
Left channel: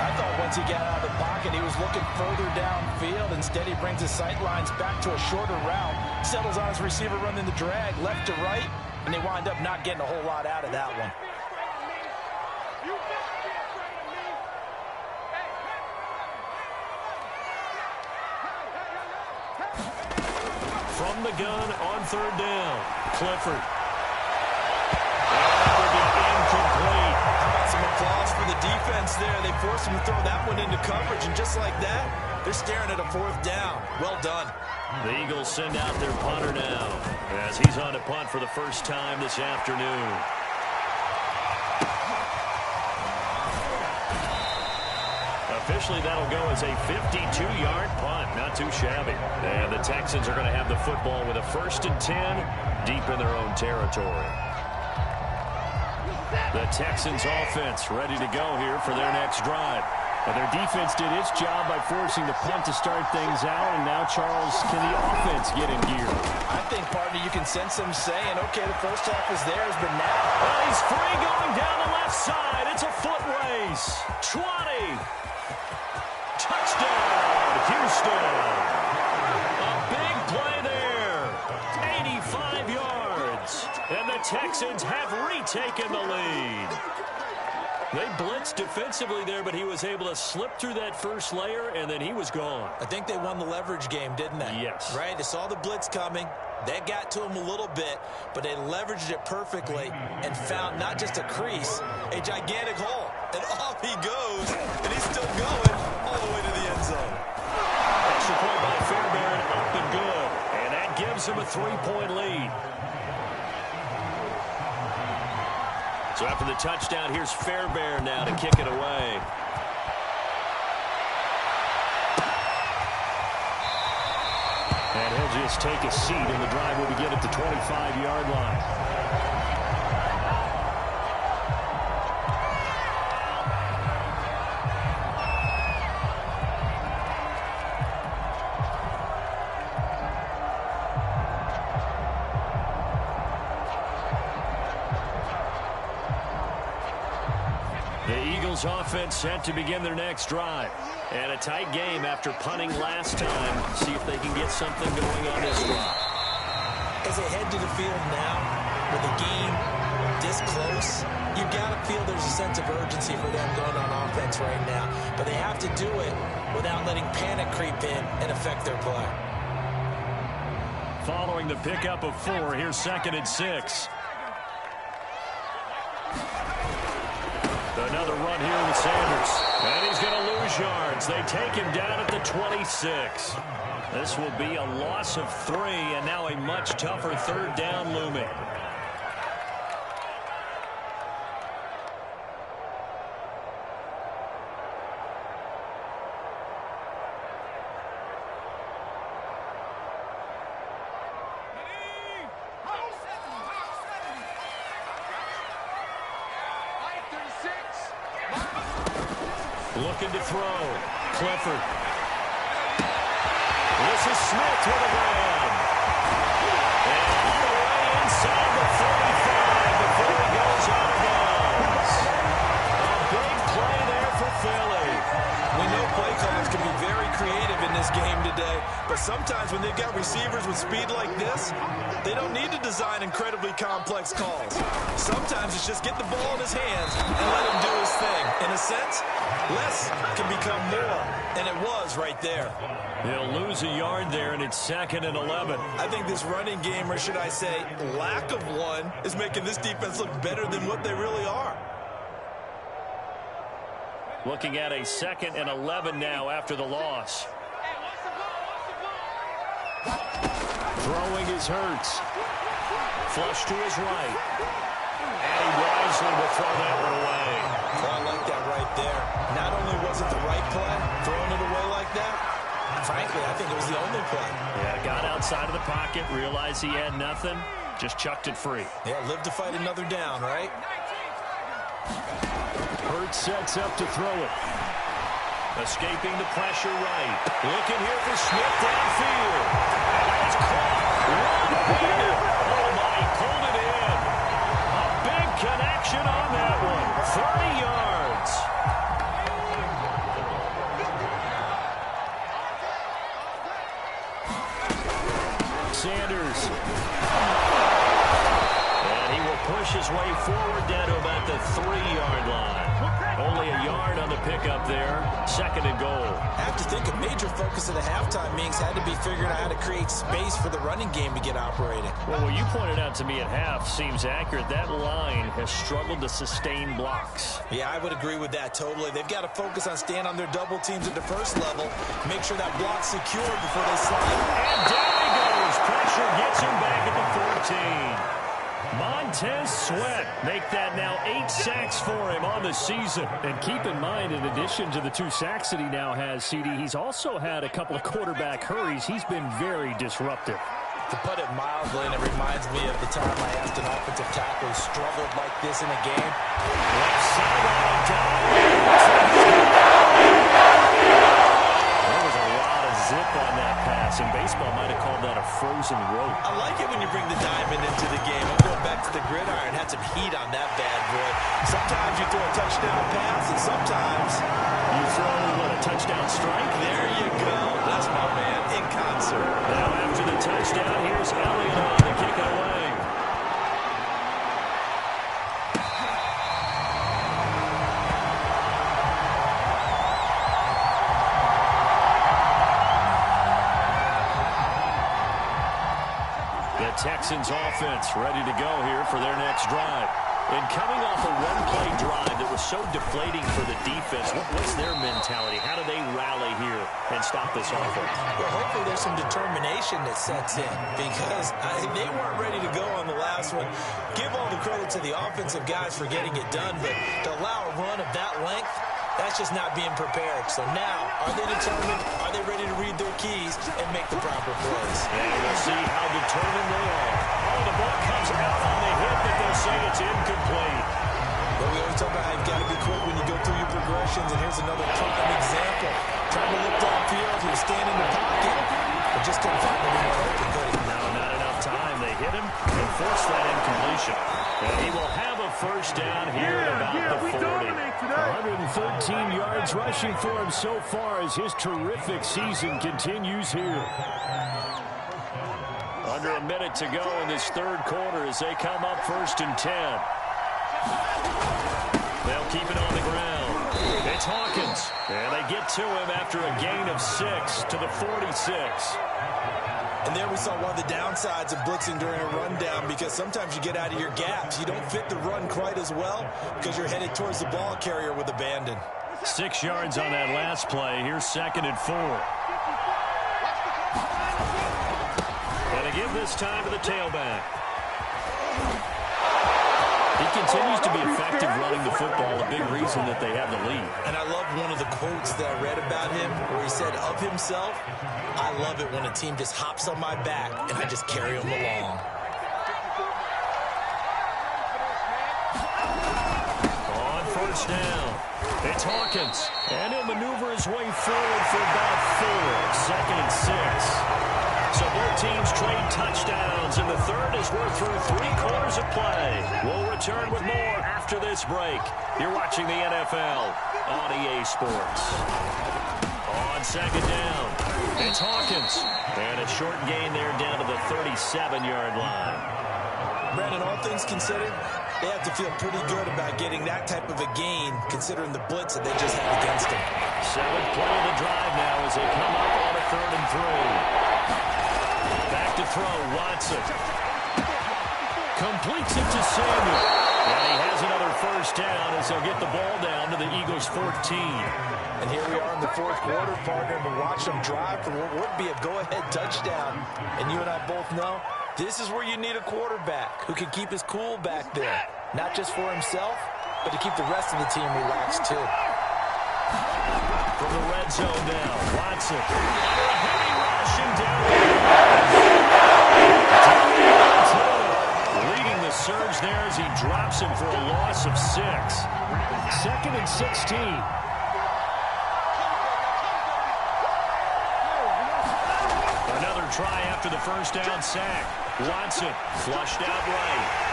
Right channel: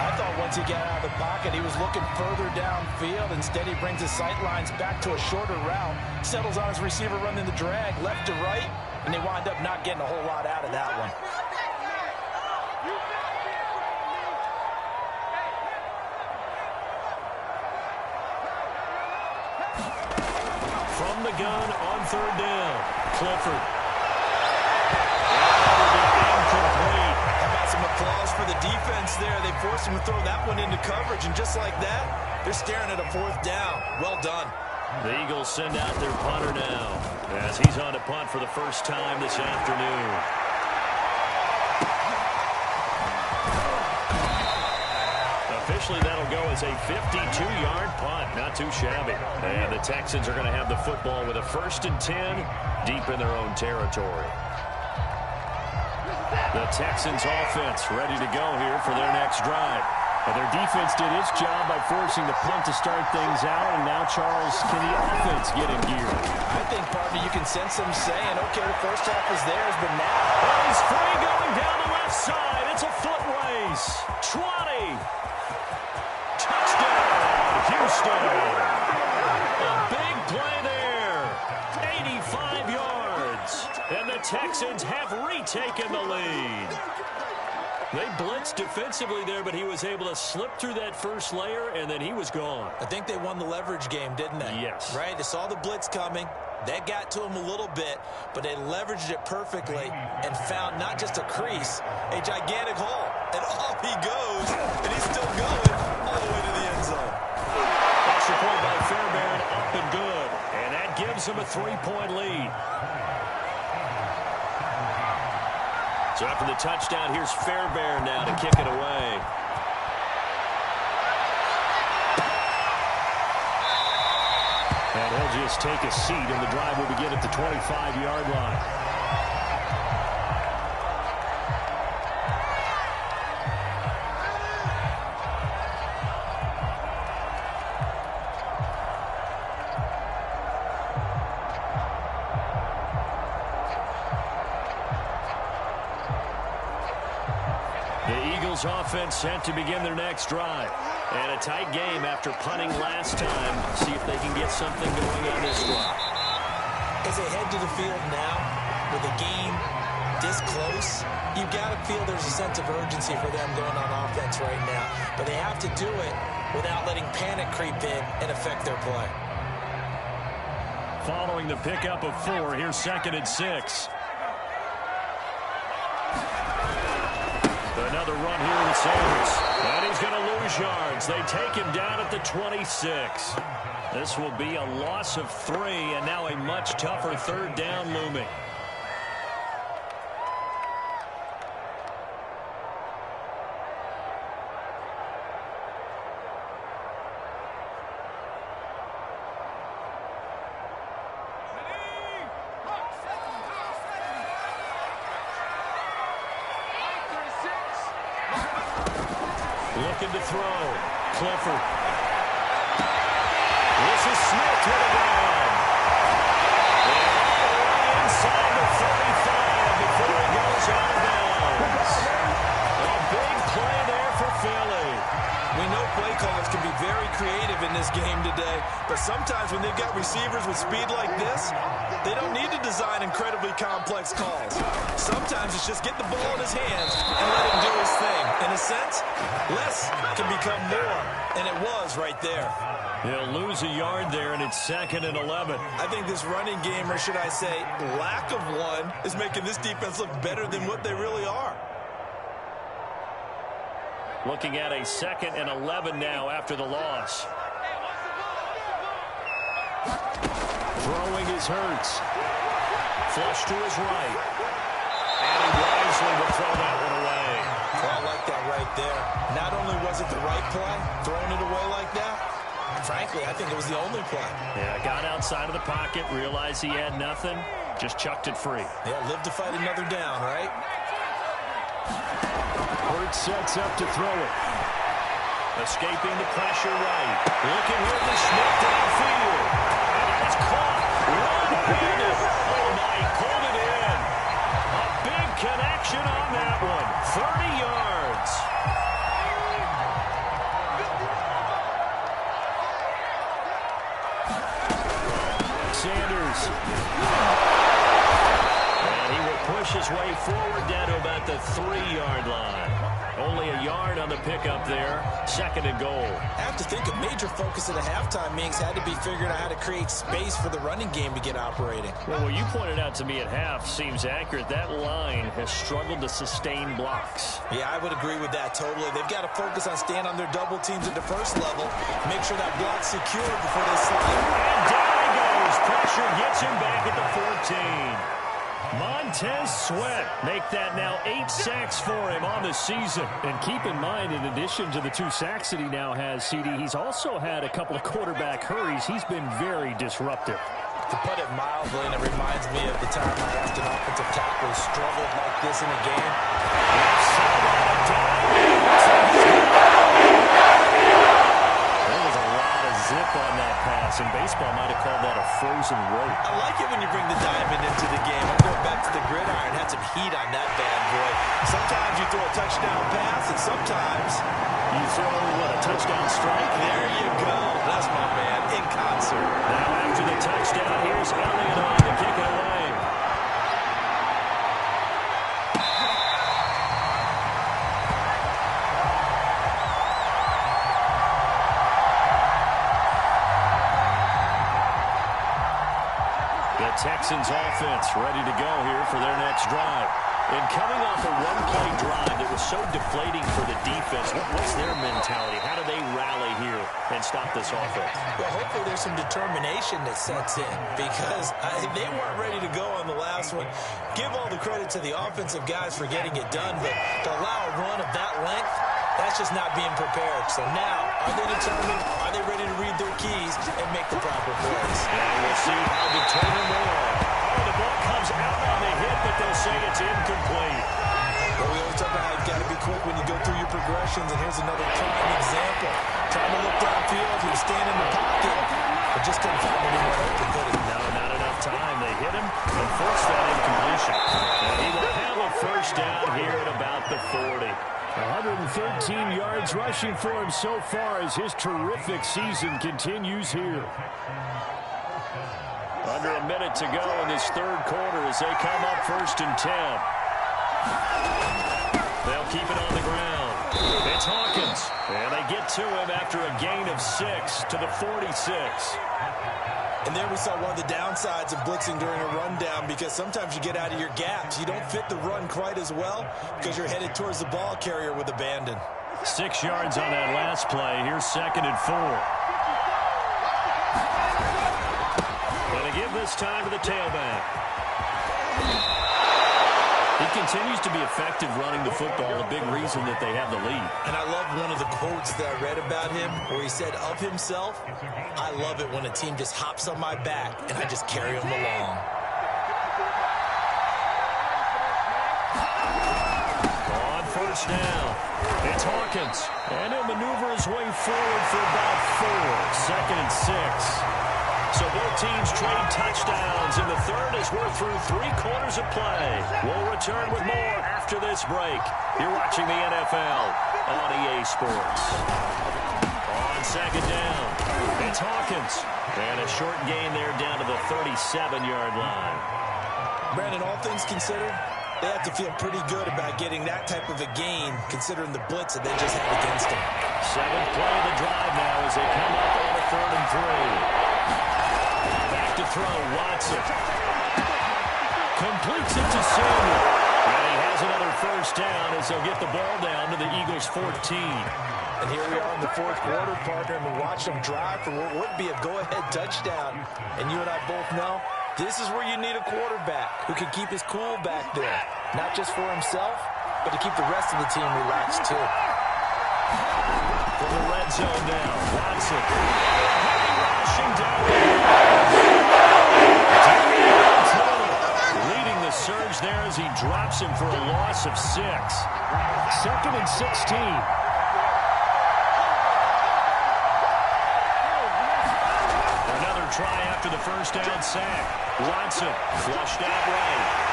I thought once he got out of the pocket, he was looking further downfield. Instead, he brings his sight lines back to a shorter route, settles on his receiver running the drag left to right, and they wind up not getting a whole lot out of that one. From the gun on third down, Clifford. And that will be incomplete. How about some applause for the defense there? They forced him to throw that one into coverage, and just like that, they're staring at a fourth down. Well done. The Eagles send out their punter now as he's on to punt for the first time this afternoon. Officially, that'll go as a 52-yard punt. Not too shabby. And the Texans are going to have the football with a 1st and 10 deep in their own territory. The Texans offense ready to go here for their next drive. And their defense did its job by forcing the punt to start things out. And now, Charles, can the offense get in gear? I think, partner, you can sense them saying, okay, the first half is theirs, but now. Well, he's free going down the left side. It's a foot race. 20. Touchdown, Houston. A big play there. 85 yards. And the Texans have retaken the lead. They blitzed defensively there, but he was able to slip through that first layer, and then he was gone. I think they won the leverage game, didn't they? Yes. Right? They saw the blitz coming. That got to him a little bit, but they leveraged it perfectly and found not just a crease, a gigantic hole. And off he goes, and he's still going all the way to the end zone. Extra point by Fairbairn, up and good. And that gives him a 3-point lead. So after the touchdown, here's Fairbairn now to kick it away. And he'll just take a seat, and the drive will begin at the 25-yard line. Offense set to begin their next drive. And a tight game after punting last time. See if they can get something going on this drive. As they head to the field now, with the game this close, you've got to feel there's a sense of urgency for them going on offense right now. But they have to do it without letting panic creep in and affect their play. Following the pickup of 4, here's 2nd and 6. Another run here with Sanders. And he's going to lose yards. They take him down at the 26. This will be a loss of 3, and now a much tougher third down looming. Looking to throw. Clifford. This is Smith with a grab. And all the way inside the 45 before he goes out of bounds. A big play there for Philly. We know play callers can be very creative in this game today, but sometimes when they've got receivers with speed like this, they don't need to design incredibly complex calls. Sometimes it's just get the ball in his hands and let him do his thing. In a sense, less can become more, and it was right there. He'll lose a yard there, and it's 2nd and 11. I think this running game, or should I say lack of one, is making this defense look better than what they really are. Looking at a 2nd and 11 now after the loss. Throwing is Hurts. Flush to his right. And he wisely will throw that one away. Well, I like that right there. Not only was it the right play, throwing it away like that, frankly, I think it was the only play. Yeah, got outside of the pocket, realized he had nothing, just chucked it free. Yeah, live to fight another down, right? Hurts sets up to throw it. Escaping the pressure right. Looking here for Smith downfield. And that is caught. 30 yards. Sanders. And he will push his way forward down to about the 3-yard line. Only a yard on the pickup there. 2nd and goal. I have to think a major focus at the halftime meetings had to be figuring out how to create space for the running game to get operating. Well, what you pointed out to me at half seems accurate. That line has struggled to sustain blocks. Yeah, I would agree with that totally. They've got to focus on staying on their double teams at the first level. Make sure that block's secured before they slide. And down he goes. Pressure gets him back at the 14. Montez Sweat make that now 8 sacks for him on the season. And keep in mind, in addition to the 2 sacks that he now has, CD, he's also had a couple of quarterback hurries. He's been very disruptive. To put it mildly, and it reminds me of the time I asked an offensive tackle who struggled like this in a game. Left side on a dive. There was a lot of zip on that pass, and baseball might have called that a frozen rope. I like it when you bring the diamond into the game. I'm going back to the gridiron. Had some heat on that bad boy. Sometimes you throw a touchdown pass, and sometimes you throw, what, a touchdown strike? There you go. That's my man, in concert. Now after the touchdown, here's Elliott on to kick it away. The Texans offense ready to go here for their next drive. And coming off a one-play drive that was so deflating for the defense, what's their mentality? How do they rally here and stop this offense? Well, hopefully there's some determination that sets in because they weren't ready to go on the last one. Give all the credit to the offensive guys for getting it done, but to allow a run of that length, that's just not being prepared. So now, are they determined? Are they ready to read their keys and make the proper plays? And we'll see how determined they are. Oh, the ball comes out on the hit, but they'll say it's incomplete. But we always talk about how you've got to be quick when you go through your progressions, and here's another prime example. Trying to look downfield, he was standing in the pocket, but just couldn't find anyone open, could he? No, not enough time. They hit him and forced that incompletion. And he will have a first down here at about the 40. 113 yards rushing for him so far as his terrific season continues here. Under a minute to go in this third quarter as they come up 1st and 10. They'll keep it on the ground. It's Hawkins. And they get to him after a gain of 6 to the 46. And there we saw one of the downsides of blitzing during a rundown because sometimes you get out of your gaps. You don't fit the run quite as well because you're headed towards the ball carrier with abandon. 6 yards on that last play. Here's 2nd and 4. And they give this time to the tailback. He continues to be effective running the football, a big reason that they have the lead. And I love one of the quotes that I read about him where he said of himself, I love it when a team just hops on my back and I just carry them along. On 1st down, it's Hawkins. And he'll maneuver his way forward for about 4. 2nd and 6. So both teams trade touchdowns in the third as we're through 3 quarters of play. We'll return with more after this break. You're watching the NFL on EA Sports. On 2nd down, it's Hawkins. And a short gain there down to the 37-yard line. Brandon, all things considered, they have to feel pretty good about getting that type of a gain considering the blitz that they just had against them. 7th play of the drive now as they come up on a 3rd and 3. Back to throw, Watson. Completes it to Samuel. And he has another first down as they'll get the ball down to the Eagles' 14. And here we are in the 4th quarter, partner, and we watch them drive for what would be a go-ahead touchdown. And you and I both know this is where you need a quarterback who can keep his cool back there. Not just for himself, but to keep the rest of the team relaxed, too. From the red zone now, Watson. Under a heavy rush and down. Leading the surge there as he drops him for a loss of 6. 2nd and 16. Another try after the first down sack. Watson flushed out right.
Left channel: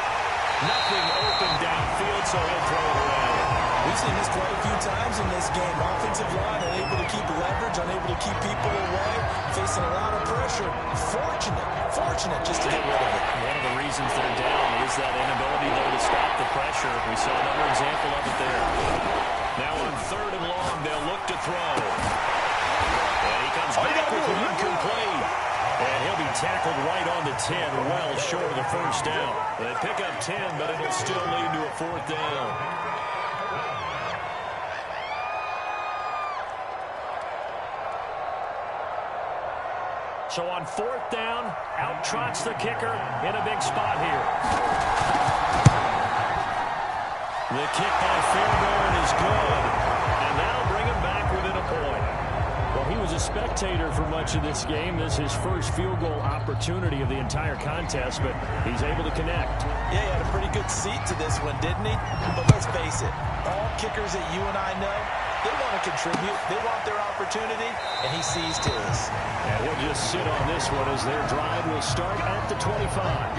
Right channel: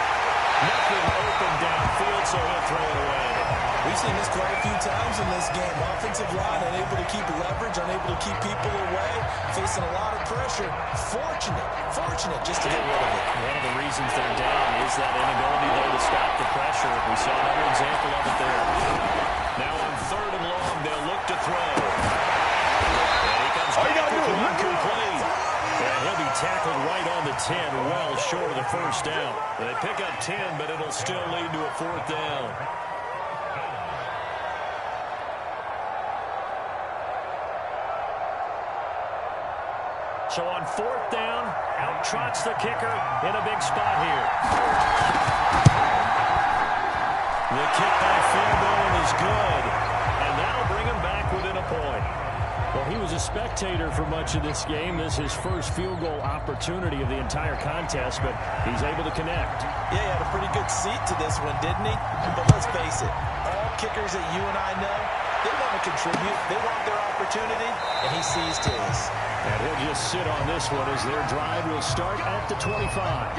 Nothing open downfield, so he'll throw it away. We've seen this quite a few times in this game. Offensive line unable to keep leverage, unable to keep people away, facing a lot of pressure. Fortunate just to get rid of it. One of the reasons they're down is that inability, though, to stop the pressure. We saw another example of it there. Now on 3rd and long, they'll look to throw. And he comes back with one complete. And he'll be tackled right on the 10, well short of the first down. They pick up 10, but it'll still lead to a 4th down. So on 4th down, out trots the kicker in a big spot here. The kick by Fairbairn is good, and that'll bring him back within a point. Well, he was a spectator for much of this game. This is his first field goal opportunity of the entire contest, but he's able to connect. Yeah, he had a pretty good seat to this one, didn't he? But let's face it, all kickers that you and I know, they want to contribute. They want their opportunity, and he seized his. And he'll just sit on this one as their drive will start at the 25.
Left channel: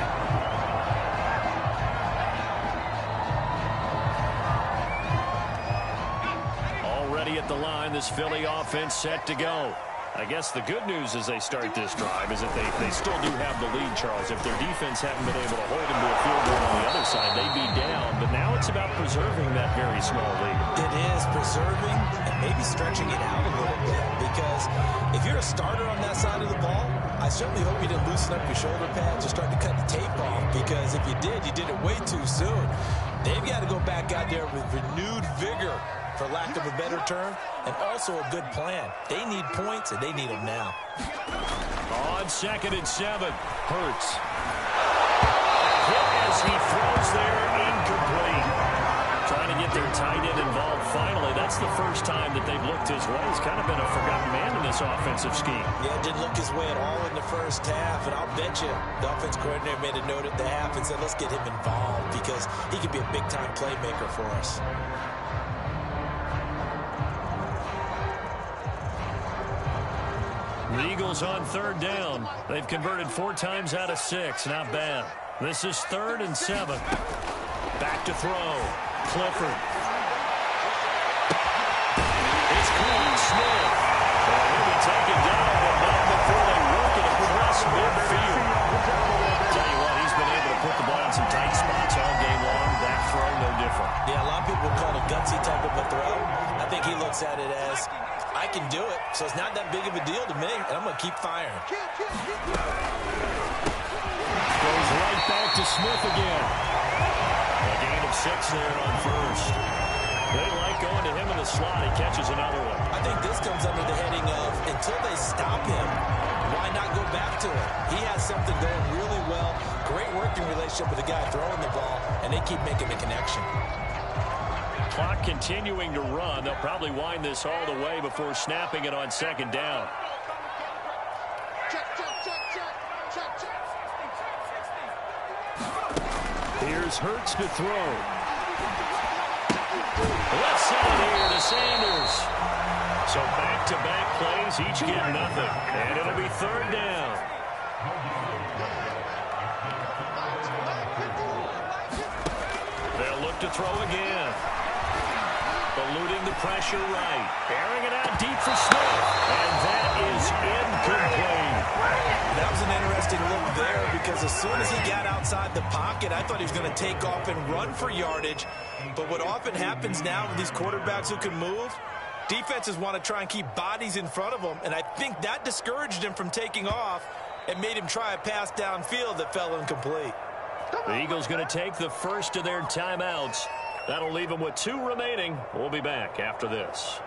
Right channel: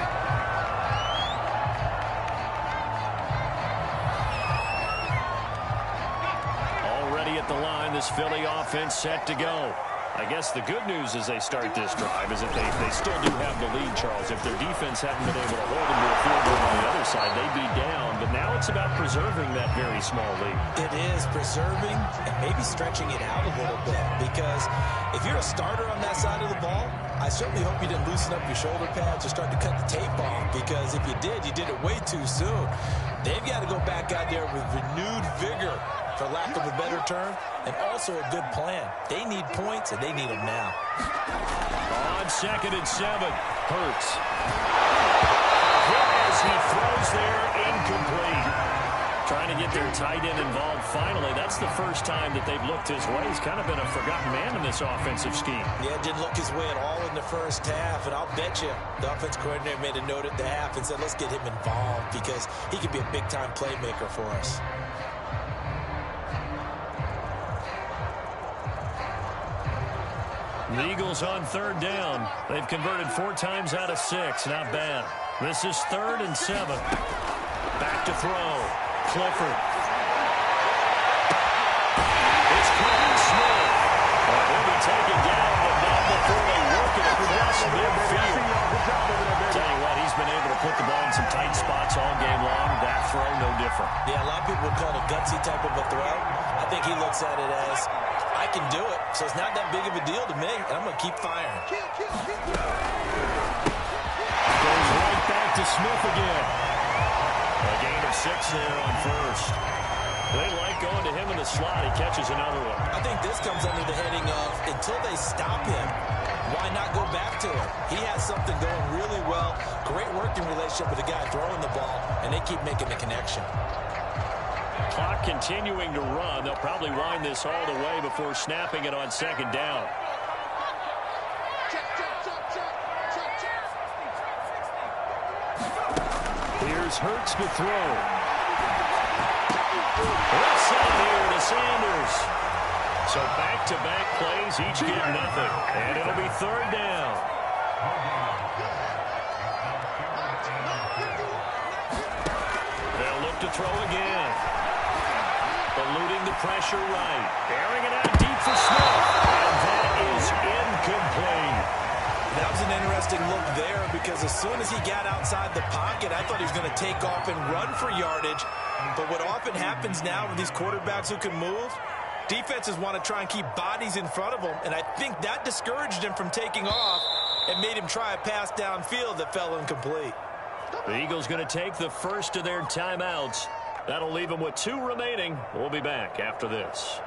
Already at the line, this Philly offense set to go. I guess the good news as they start this drive is that they still do have the lead, Charles. If their defense hadn't been able to hold them to a field goal on the other side, they'd be down. But now it's about preserving that very small lead. It is preserving and maybe stretching it out a little bit. Because if you're a starter on that side of the ball, I certainly hope you didn't loosen up your shoulder pads or start to cut the tape off. Because if you did it way too soon. They've got to go back out there with renewed vigor, for lack of a better term, and also a good plan. They need points, and they need them now. On 2nd and 7, Hurts. Hit as he throws there, incomplete. Trying to get their tight end involved finally. That's the first time that they've looked his way. He's kind of been a forgotten man in this offensive scheme. Yeah, didn't look his way at all in the first half, and I'll bet you the offense coordinator made a note at the half and said, let's get him involved because he could be a big-time playmaker for us. The Eagles on 3rd down. They've converted 4 times out of 6. Not bad. This is 3rd and 7. Back to throw. Clifford. It's called Smith. And he'll be taken down, but not before they work it across midfield. Tell you what, he's been able to put the ball in some tight spots all game long. That throw, no different. Yeah, a lot of people would call it a gutsy type of a throw. I think he looks at it as, I can do it, so it's not that big of a deal to me, and I'm going to keep firing. Goes right back to Smith again. A gain of 6 there on 1st. They like going to him in the slot. He catches another one. I think this comes under the heading of, until they stop him, why not go back to it? He has something going really well. Great working relationship with the guy throwing the ball, and they keep making the connection. Clock continuing to run. They'll probably wind this all the way before snapping it on 2nd down. Here's Hurts to throw. Left side here to Sanders. So back-to-back plays, each get nothing. And it'll be 3rd down. They'll look to throw again. Eluding the pressure right. Airing it out deep for Smith. And that is incomplete. That was an interesting look there because as soon as he got outside the pocket, I thought he was going to take off and run for yardage. But what often happens now with these quarterbacks who can move, defenses want to try and keep bodies in front of them. And I think that discouraged him from taking off and made him try a pass downfield that fell incomplete. The Eagles going to take the first of their timeouts. That'll leave them with 2 remaining. We'll be back after this.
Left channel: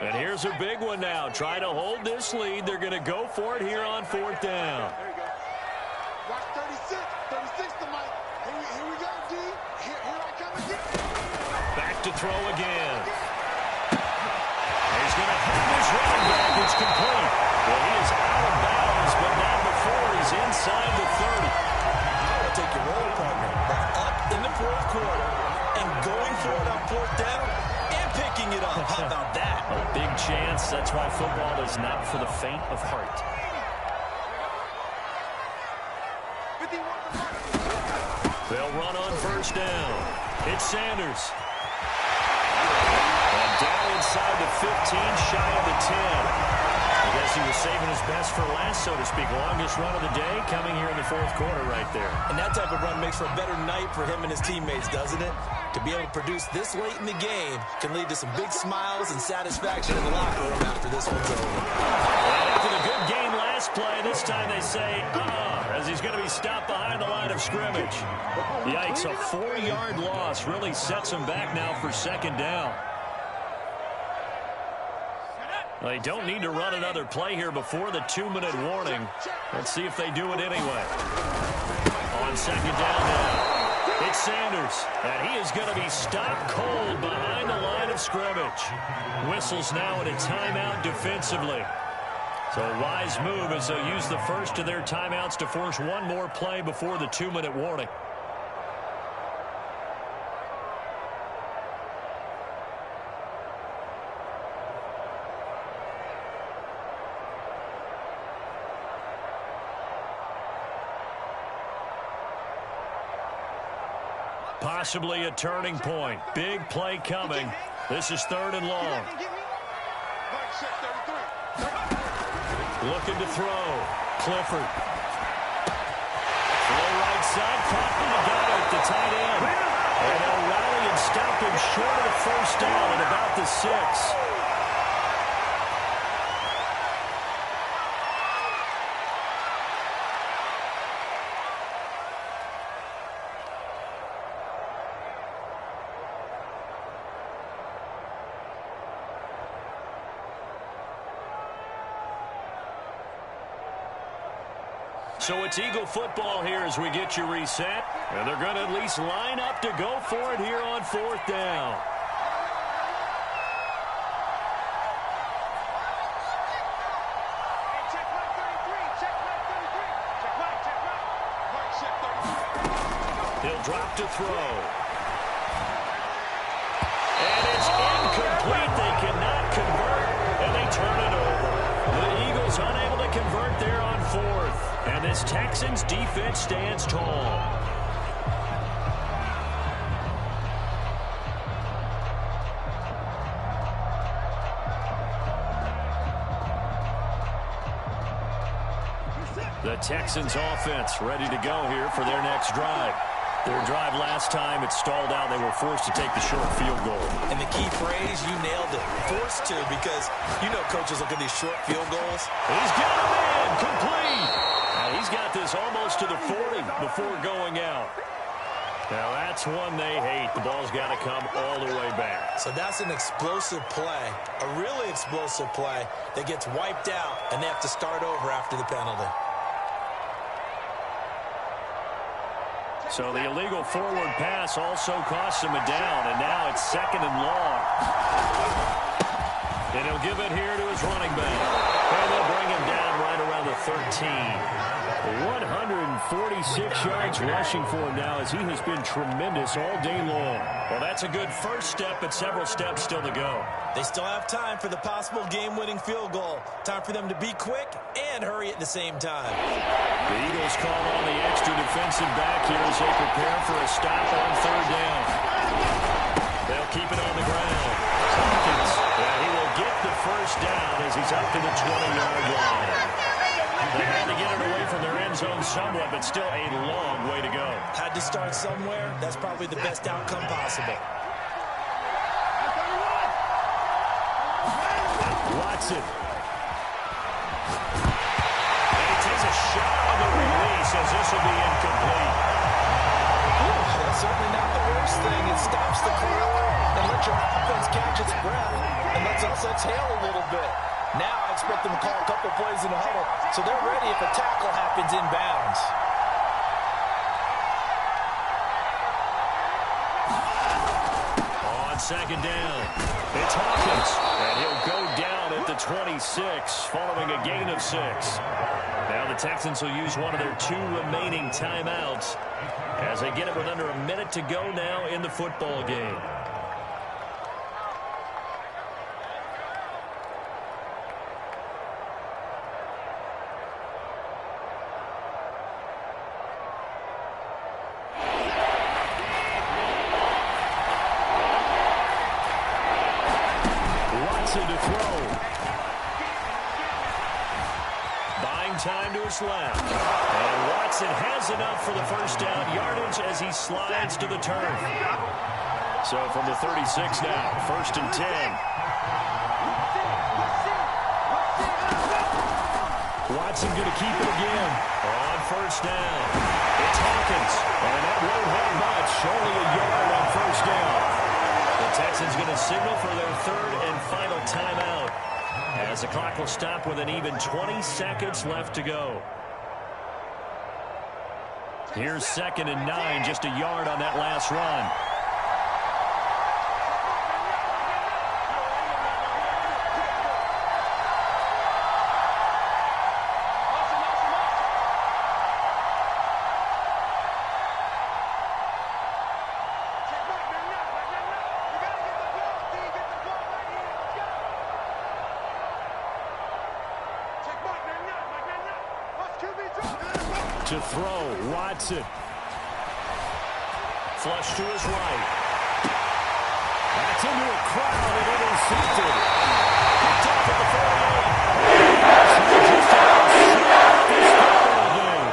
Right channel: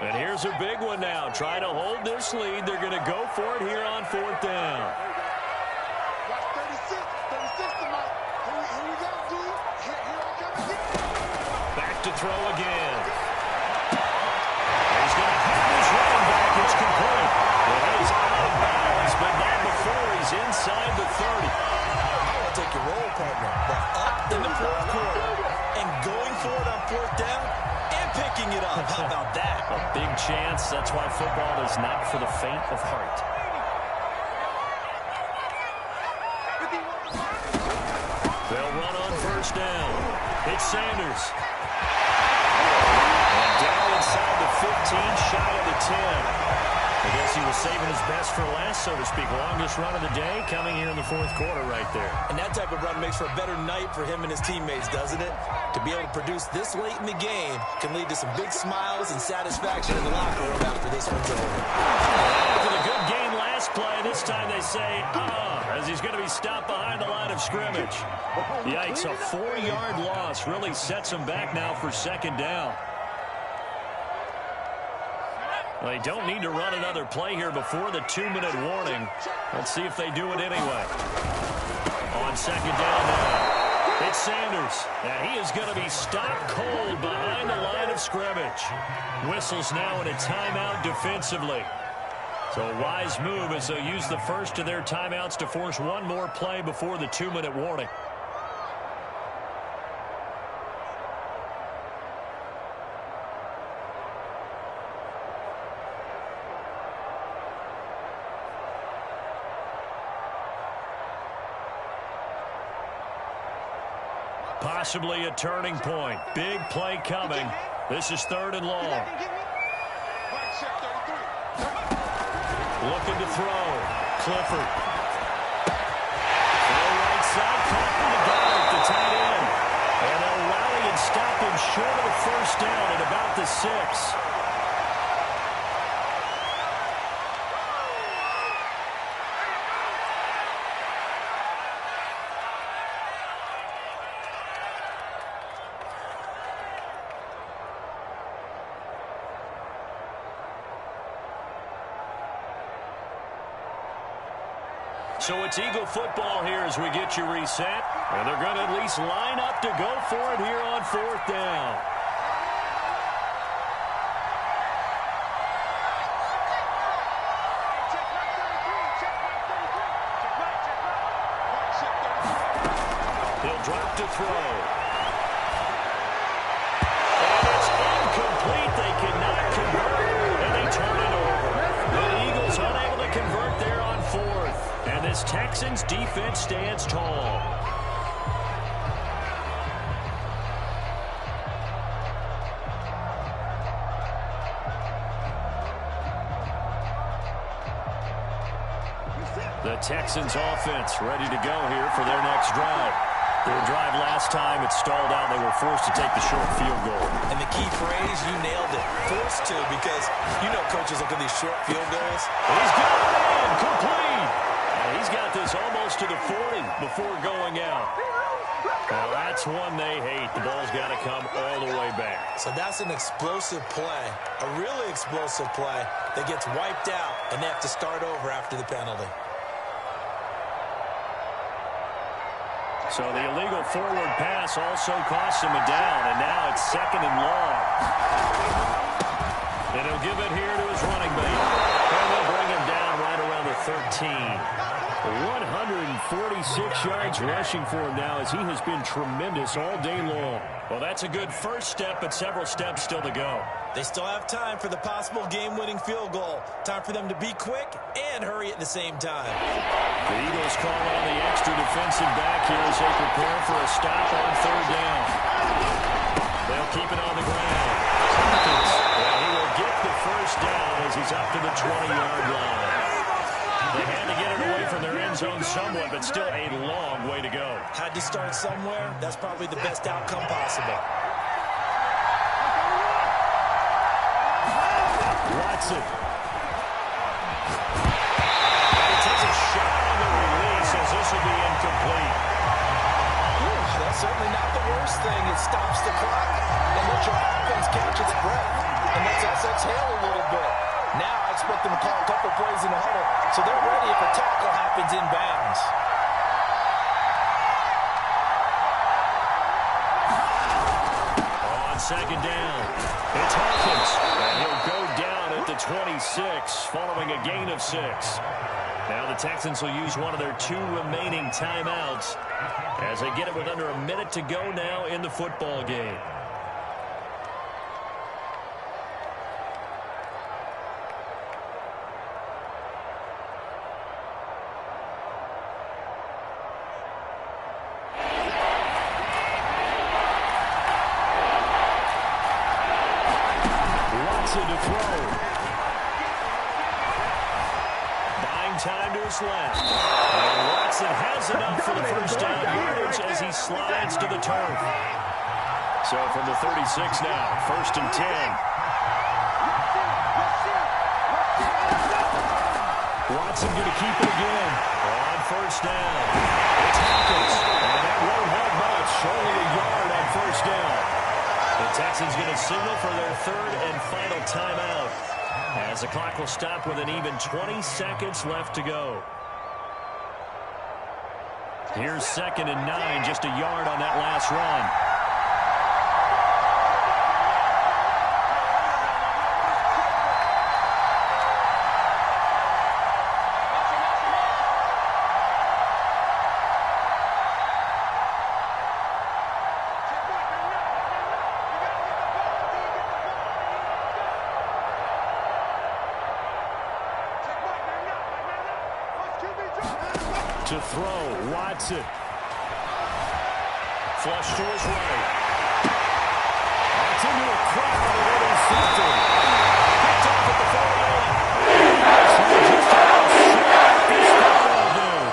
And here's a big one now. Trying to hold this lead. They're going to go for it here on 4th down. Watch 36 to Mike. Here we go, D. Here I come again. Back to throw again. He's going to have his running back. It's complete. Well, he is out of bounds, but not before he's inside the 30. I will take your roll, partner. But up for it on fourth down and picking it up. How about that? A big chance. That's why football is not for the faint of heart. They'll run on first down. It's Sanders. And down inside the 15, shy of the 10. I guess he was saving his best for last, so to speak. Longest run of the day coming here in the fourth quarter right there. And that type of run makes for a better night for him and his teammates, doesn't it? To be able to produce this late in the game can lead to some big smiles and satisfaction in the locker room after this one's over. And after the good game last play, this time they say, as he's going to be stopped behind the line of scrimmage. Yikes, a 4-yard loss really sets him back now for second down. They don't need to run another play here before the 2-minute warning. Let's see if they do it anyway. On second down now, it's Sanders, and he is going to be stopped cold behind the line of scrimmage. Whistles now in a timeout defensively. So a wise move as they'll use the first of their timeouts to force one more play before the 2-minute warning. Possibly a turning point. Big play coming. This is 3rd and long. Looking to throw. Clifford. Throw right side. Caught by Goddard, the tight end. And they'll rally and stop him short of the first down at about the 6. So it's Eagle football here as we get you reset. And they're going to at least line up to go for it here on 4th down. He'll drop to throw. And it's incomplete. They cannot convert, and they turn it over. The Eagles unable to convert there on 4th. And this Texans defense stands tall. The Texans offense ready to go here for their next drive. Their drive last time, it stalled out. They were forced to take the short field goal. And the key phrase, you nailed it. Forced to, because you know coaches look at these short field goals. He's got it in, complete. Now he's got this almost to the 40 before going out. Now that's one they hate. The ball's got to come all the way back. So that's an explosive play, a really explosive play that gets wiped out, and they have to start over after the penalty. So the illegal forward pass also costs him a down, and now it's 2nd and long. And he'll give it here to his running back. And they'll bring him down right around the 13. 146 yards rushing for him now as he has been tremendous all day long. Well, that's a good first step, but several steps still to go. They still have time for the possible game-winning field goal. Time for them to be quick and hurry at the same time. The Eagles call on the extra defensive back here as they prepare for a stop on 3rd down. They'll keep it on the ground. Hopkins, he will get the first down as he's up to the 20-yard line. They had to get it away from their end zone somewhat, but still a long way to go. Had to start somewhere. That's probably the best outcome possible. Watson. And he takes a shot on the release as this will be incomplete. Ooh, that's certainly not the worst thing. It stops the clock and lets your offense catch its breath and lets us exhale a little bit. Now I expect them to call a couple plays in the huddle, so they're ready if a tackle happens inbounds. On 2nd down, it's Hawkins, and he'll go down at the 26 following a gain of 6. Now the Texans will use one of their 2 remaining timeouts as they get it with under a minute to go now in the football game. time to his left. And Watson has enough for the first down yardage as he slides to the turf. So from the 36 now, 1st and 10. Watson going to keep it again on 1st down. It's Hawkins, and that won't help much. Only a yard on 1st down. The Texans going to signal for their 3rd and final timeout as the clock will stop with an even 20 seconds left to go. Here's 2nd and 9, just a yard on that last run. To throw, Watson. Flush to his right. That's into a crowd and intercepted. Picked off at the 48. Just about shut this football game.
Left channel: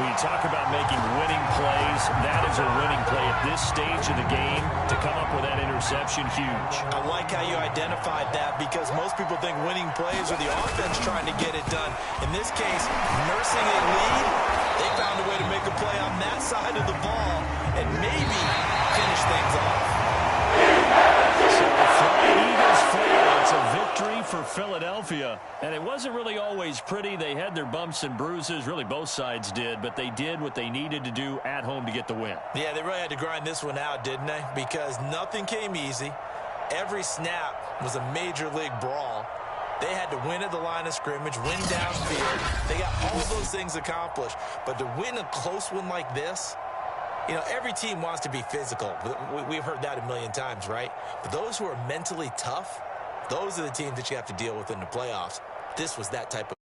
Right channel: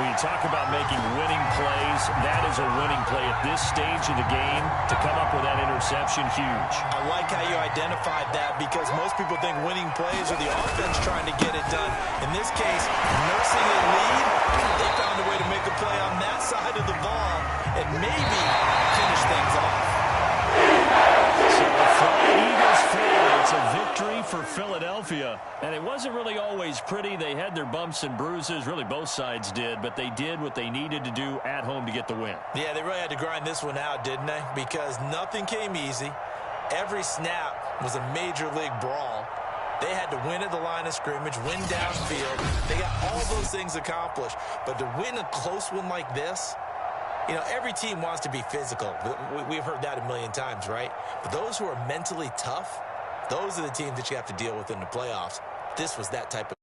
When you talk about making winning plays, that is a winning play at this stage of the game. To come up with that interception, huge. I like how you identified that because most people think winning plays are the offense trying to get it done. In this case, nursing a lead, they found a way to make a play on that side of the ball and maybe finish things off. So flying Eagles fly. It's a victory for Philadelphia. And it wasn't really always pretty. They had their bumps and bruises. Really, both sides did. But they did what they needed to do at home to get the win. Yeah, they really had to grind this one out, didn't they? Because nothing came easy. Every snap was a major league brawl. They had to win at the line of scrimmage, win downfield. They got all those things accomplished. But to win a close one like this, you know, every team wants to be physical. We've heard that a million times, right? But those who are mentally tough, those are the teams that you have to deal with in the playoffs. This was that type of